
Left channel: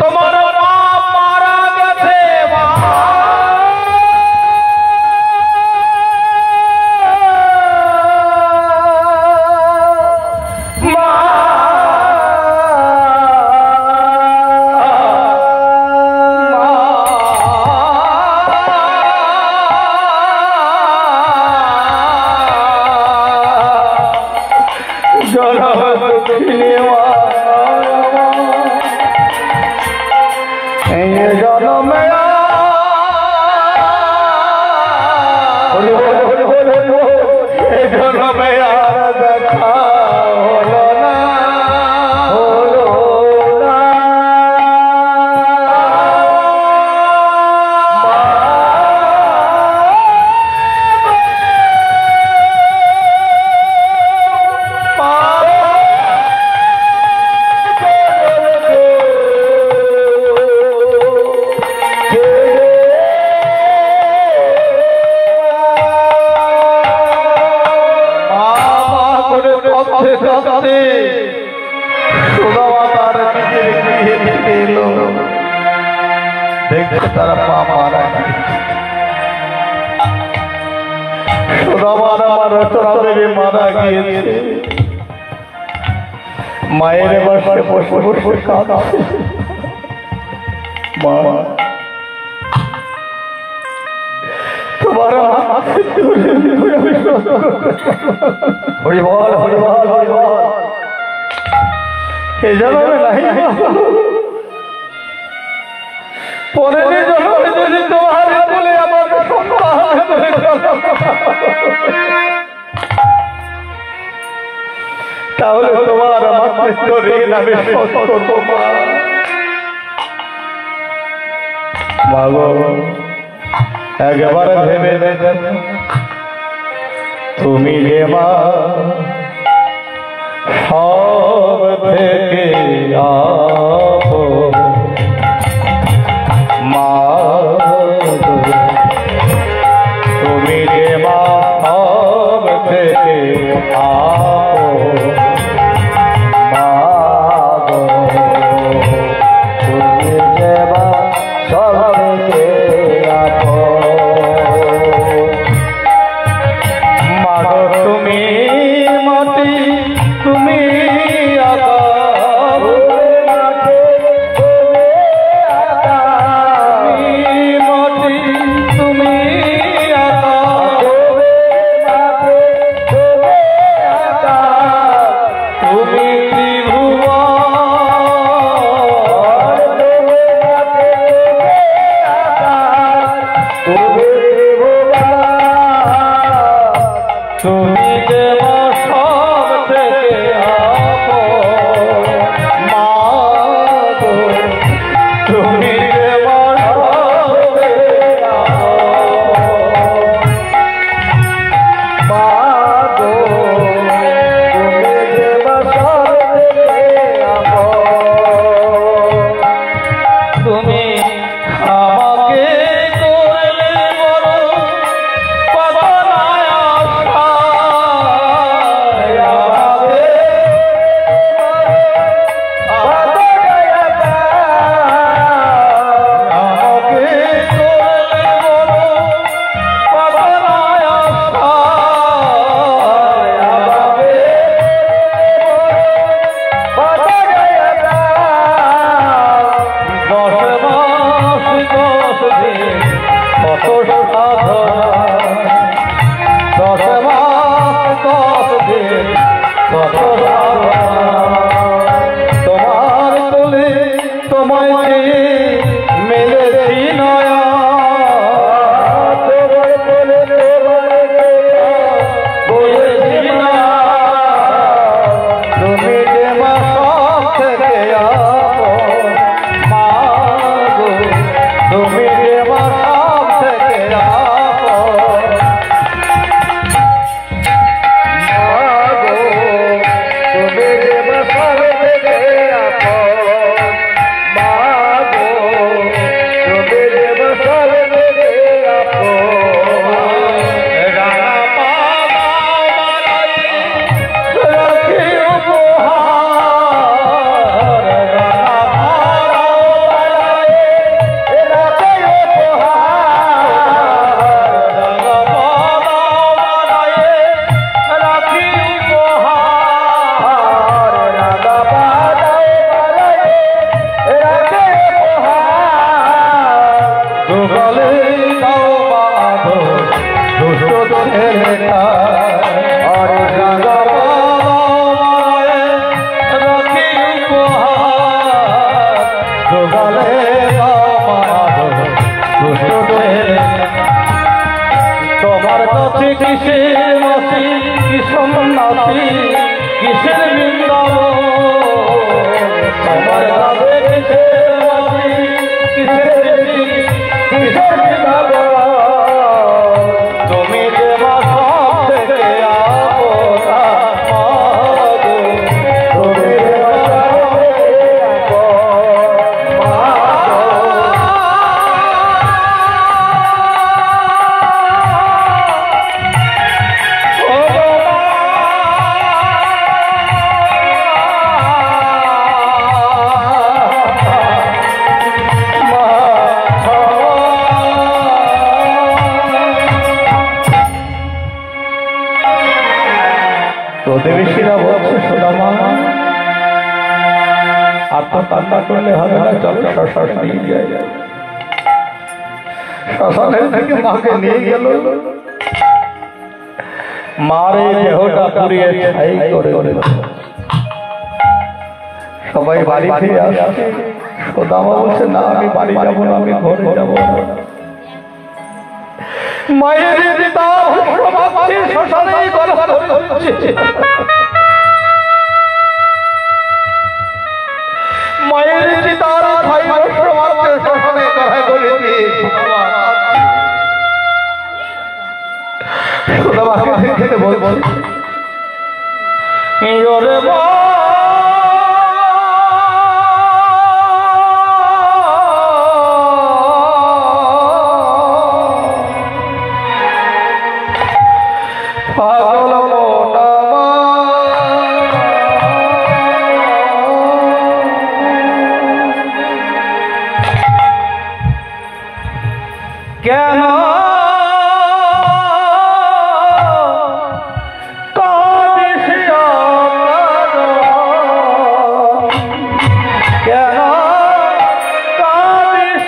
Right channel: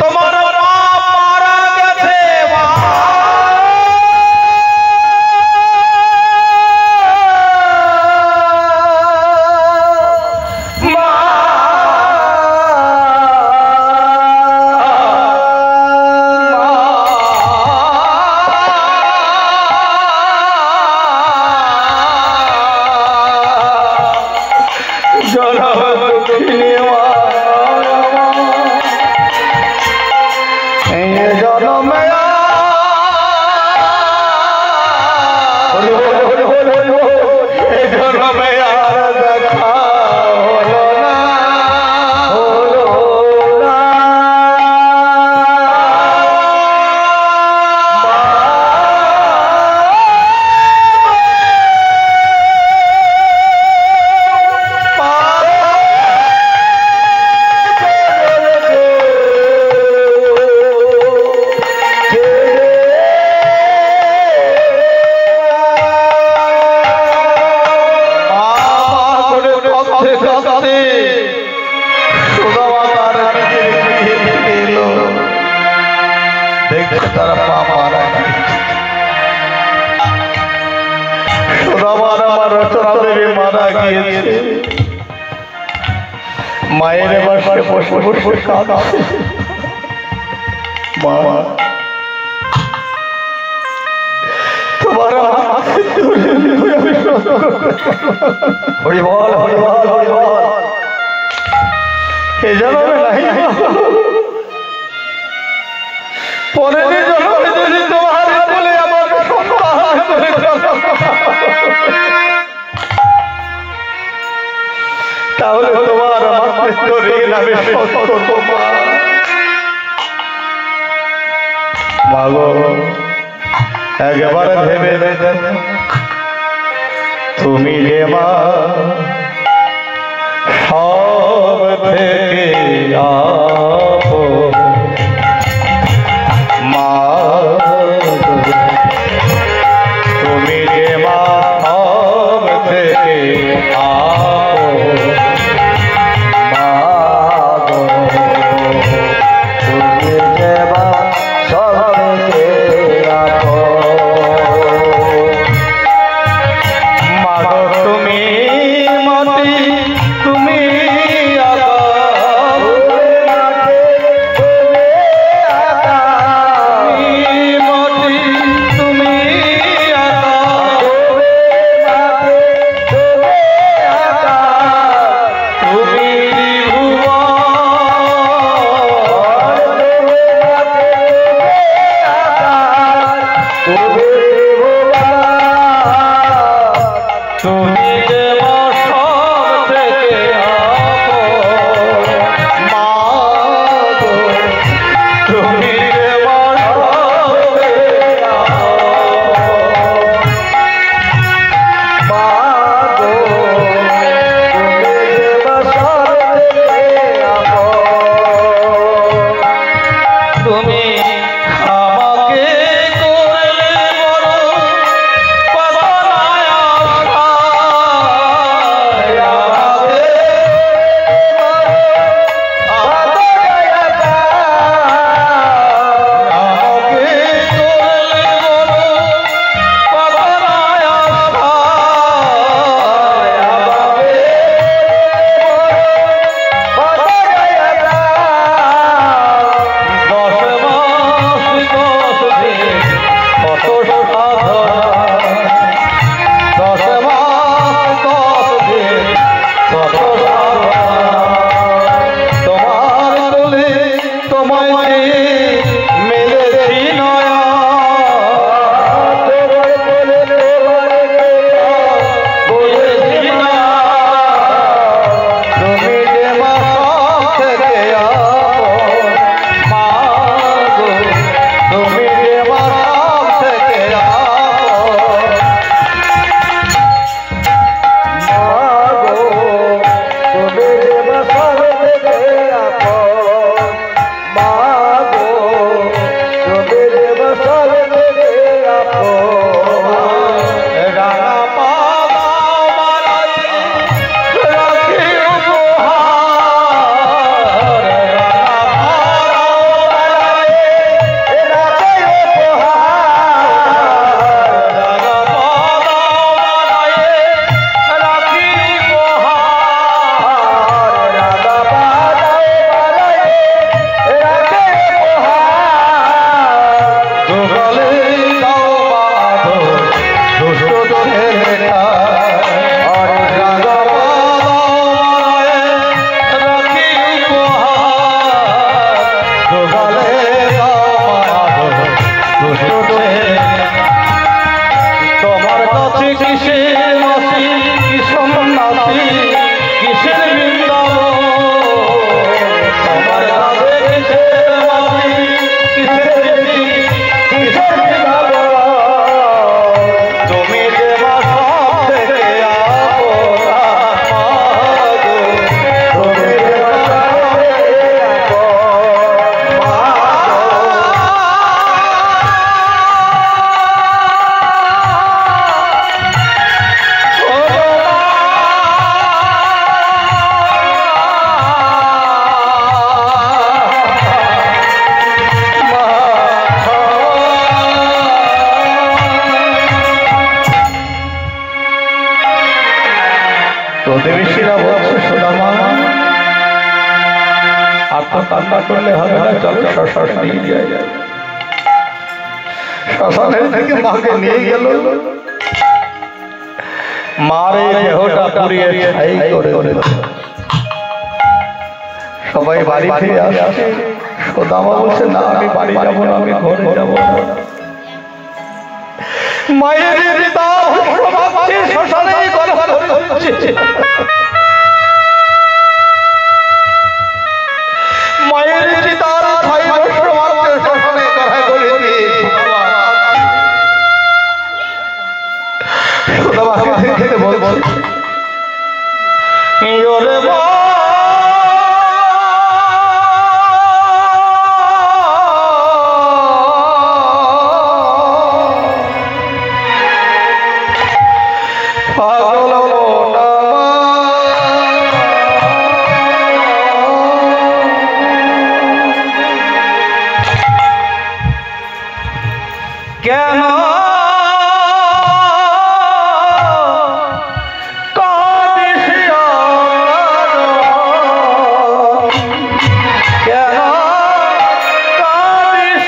তোমার মা মারা গেছে। মায়ের বাসায় বসে বসে কাঁদছে। মা, তোমার হরি বল, হরি বল, হরি বল। এই জন্মে নাই, পরের জন্মে যদি তোমার বলে আমার সন্তান করে তাহলে তোমার আমার ঋণ আমি শোধ করব। মা গো, একবারে ভেবে দেখো, তুমি যে মা সব থেকে আপন। মা তুমি যে মা সব থেকে আপন। তুমি দুষ্ট ছেলে তোমার কাছে কিসের মাসি কি সন্ন্যাসী কিসের বৃন্দাবন তোমার কাছে কিসের মাসি কিসের দেবী কিসের বৃন্দাবন তুমি দেবা সব থেকে আপনা তুমি দেবা সব থেকে প্রতিবেশীরা বলছে সুদামা আর তো কান্না করলে হবে না, চলো শ্মশানে নিয়ে যাই। শ্মশানের থেকে মাকে নিয়ে গেল, মারে দেহটা পুড়িয়ে ছাই করে দিল। সবাই বাড়ি ফিরে আসছে, সুদামা বলছে না আমি বাড়ি যাবো না, আমি ঘরে যাবো না। মায়ের পিতা ভাবছে শ্মশানে গলা ধরছে, মায়ের পিতার ভাই বর্ষ মারছে শ্মশানে গলা ধরে সুদামাকে দেখে বলছে ওরে পাগল মোটা কেন কাঁদিস কেন কাঁদিস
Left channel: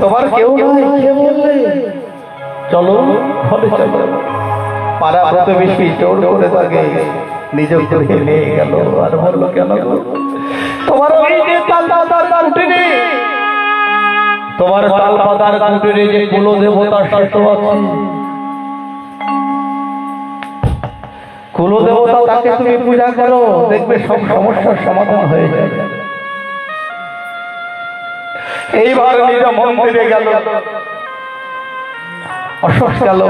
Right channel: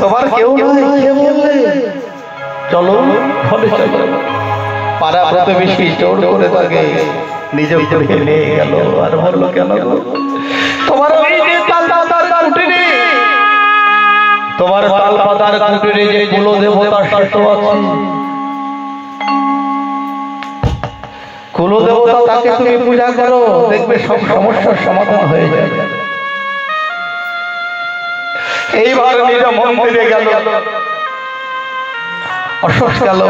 তোমার কেউ নাই, কে বললে? চলো ঘরে চলো। পাড়া প্রতিবেশী জোর করে তাকে নিজে করে নিয়ে গেল আর বললো কেন গো তোমার ওই যে তাল পাতার কুটিরে, তোমার তাল পাতার কুটিরে যে কুল দেবতা শাস্ত্র আছে, কুল দেবতা তাকে তুমি পূজা করো, দেখবে সব সমস্যার সমাধান হয়ে যাবে। এইবার নিজ মন্দিরে গেল, অশ্বস গেল।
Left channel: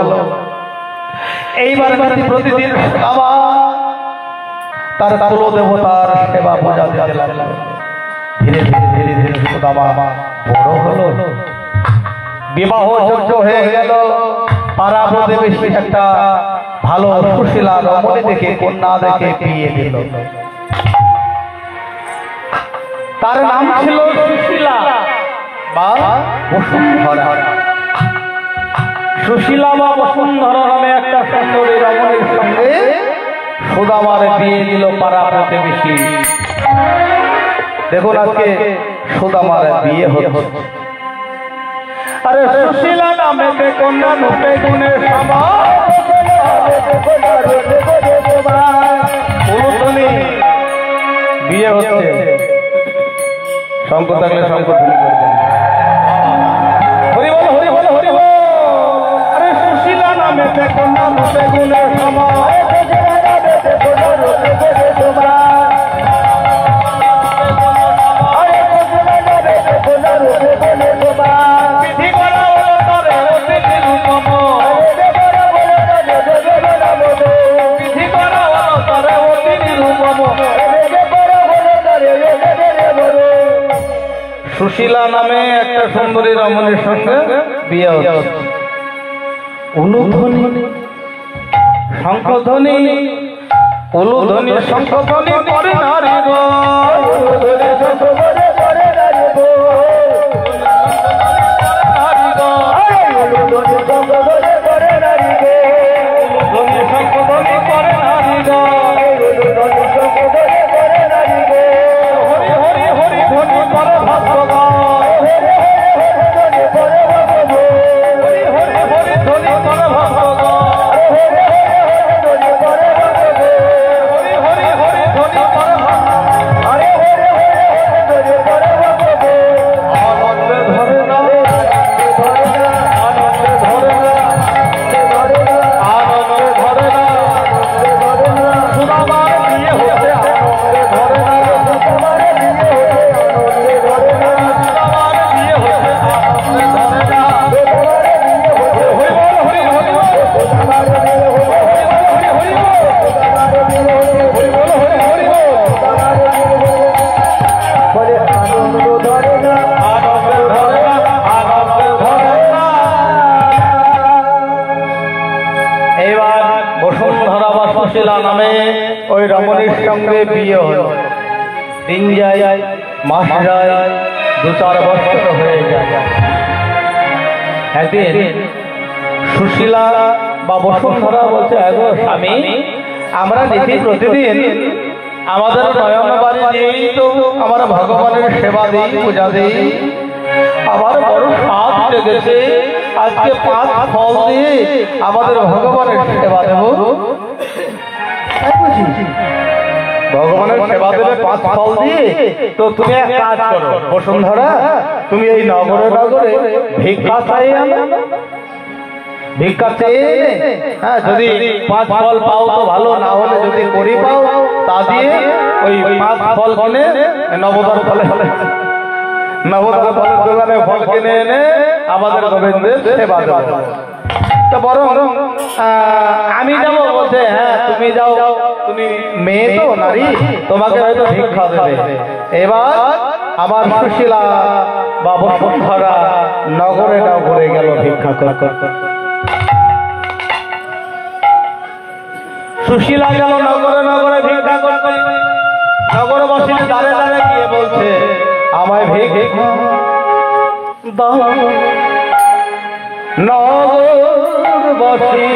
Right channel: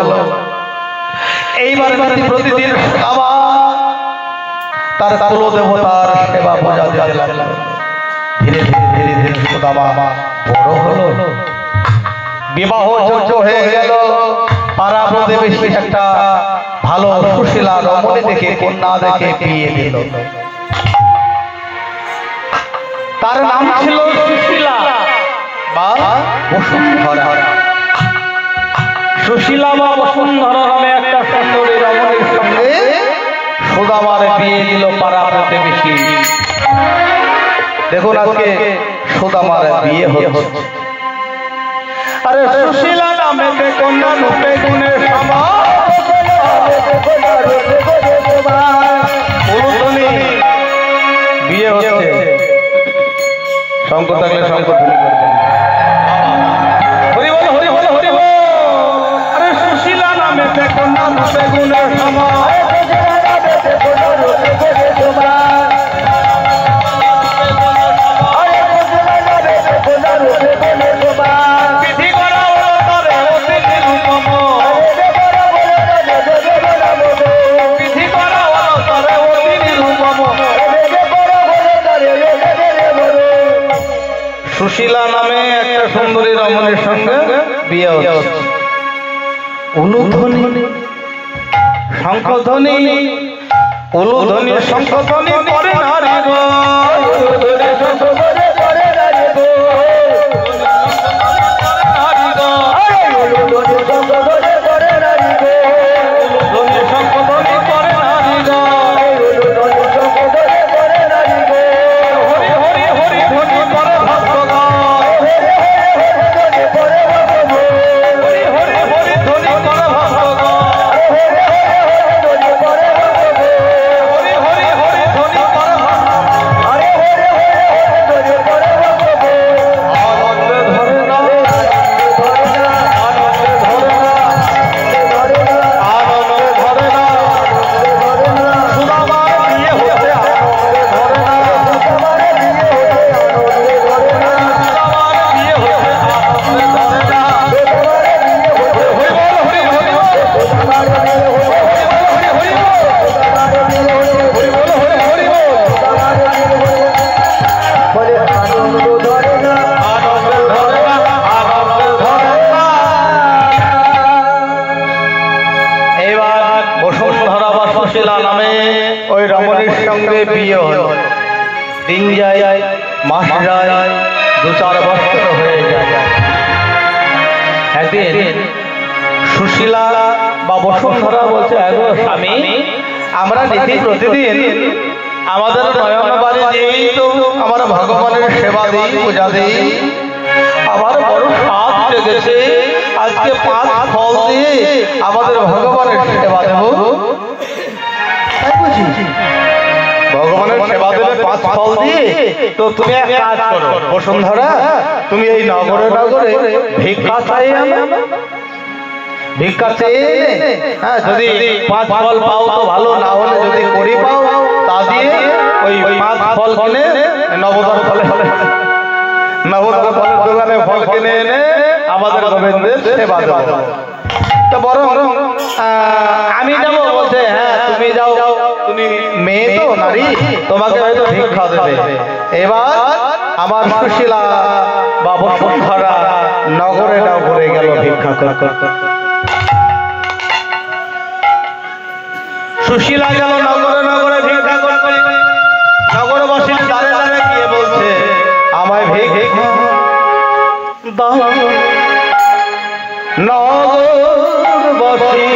এইবার প্রতিদিন আবার তার কুল দেবতার সেবা পূজা দিতে লাগলো। ধীরে ধীরে ধীরে ধীরে সুদামা বড় হলো, বিবাহ যোগ্য হয়ে গেল। পাড়া প্রতিবেশী একটা ভালো সুশীলা রমণী দেখে কন্যা দেখে বিয়ে দিল। তার নাম ছিল সুশীলা বা বসুন্ধরা। সুশীলা বা বসুন্ধরা নামে একটা সুন্দরী রমণীর সঙ্গে সুদামার বিয়ে দিল পাড়া প্রতিবেশী। দেখুন আজকে সুদামার বিয়ে হচ্ছে। আরে সুশীলা নামে কন্যা রূপে গুণে বিয়ে হচ্ছে। শঙ্কর থাকলে শঙ্কর ধ্বনি করবেন। হরি বল হরি বল হরি বল। আরে সুশীলা নামে কন্যা রূপে গুণে সমায়। সুশীলা নামে একটা সুন্দরী রমণীর সঙ্গে বিয়ে হচ্ছে। উলুধ্বনি শঙ্খধ্বনি উলুধ্বনি শঙ্খধ্বনি করে নারী গো। সুশীলা নামে ওই রমণীর সঙ্গে বিয়ে হলো। দিন যায়, মাস যায়, 2-4 বছর হয়ে যায়। একদিন সুশীলা বা বসুন্ধরা বলছে, এগো স্বামী, আমরা নীতি প্রতিদিন আমাদের নয়ন বাড়ি দিয়েই তো আমরা ভগবানের সেবা দিই, পূজা দিই। আমার বড় স্বাদ লেগেছে, আজকে 5 ফল দিয়ে আমাদের ভগবানের সেবা দেব। ভগবানের সেবা দেবে 5 ফল দিয়ে। তো তুমি এক কাজ করো বসুন্ধরা, তুমি এই নগরে নগরে ভিক্ষা চাই, ভিক্ষা চেয়ে যদি 5 ফল পাও তো ভালো, না হলে যদি করি পাও তা দিয়ে ওই 5 ফল কিনে নবদ্বার ফলে নবদ্বার ফলের দোকানে ফল কিনে এনে আমাদের গোবিন্দের সেবা দেবো। তো বরং আমি যাবো বলছে, হ্যাঁ তুমি যাও, তুমি মেয়ে তো নারী, তোমাকে হয়তো ভিক্ষা দেবে। এবার আমার সুশীলা বা বসুন্ধরা নগরে নগরে গেল ভিক্ষা করতে। সুশীলা গেল নগরে নগরে ভিক্ষা করতে। নগরবাসী দাঁড়ে দাঁড়ে গিয়ে বলছে, আমায় ভিক্ষা দাও। নগরবাসী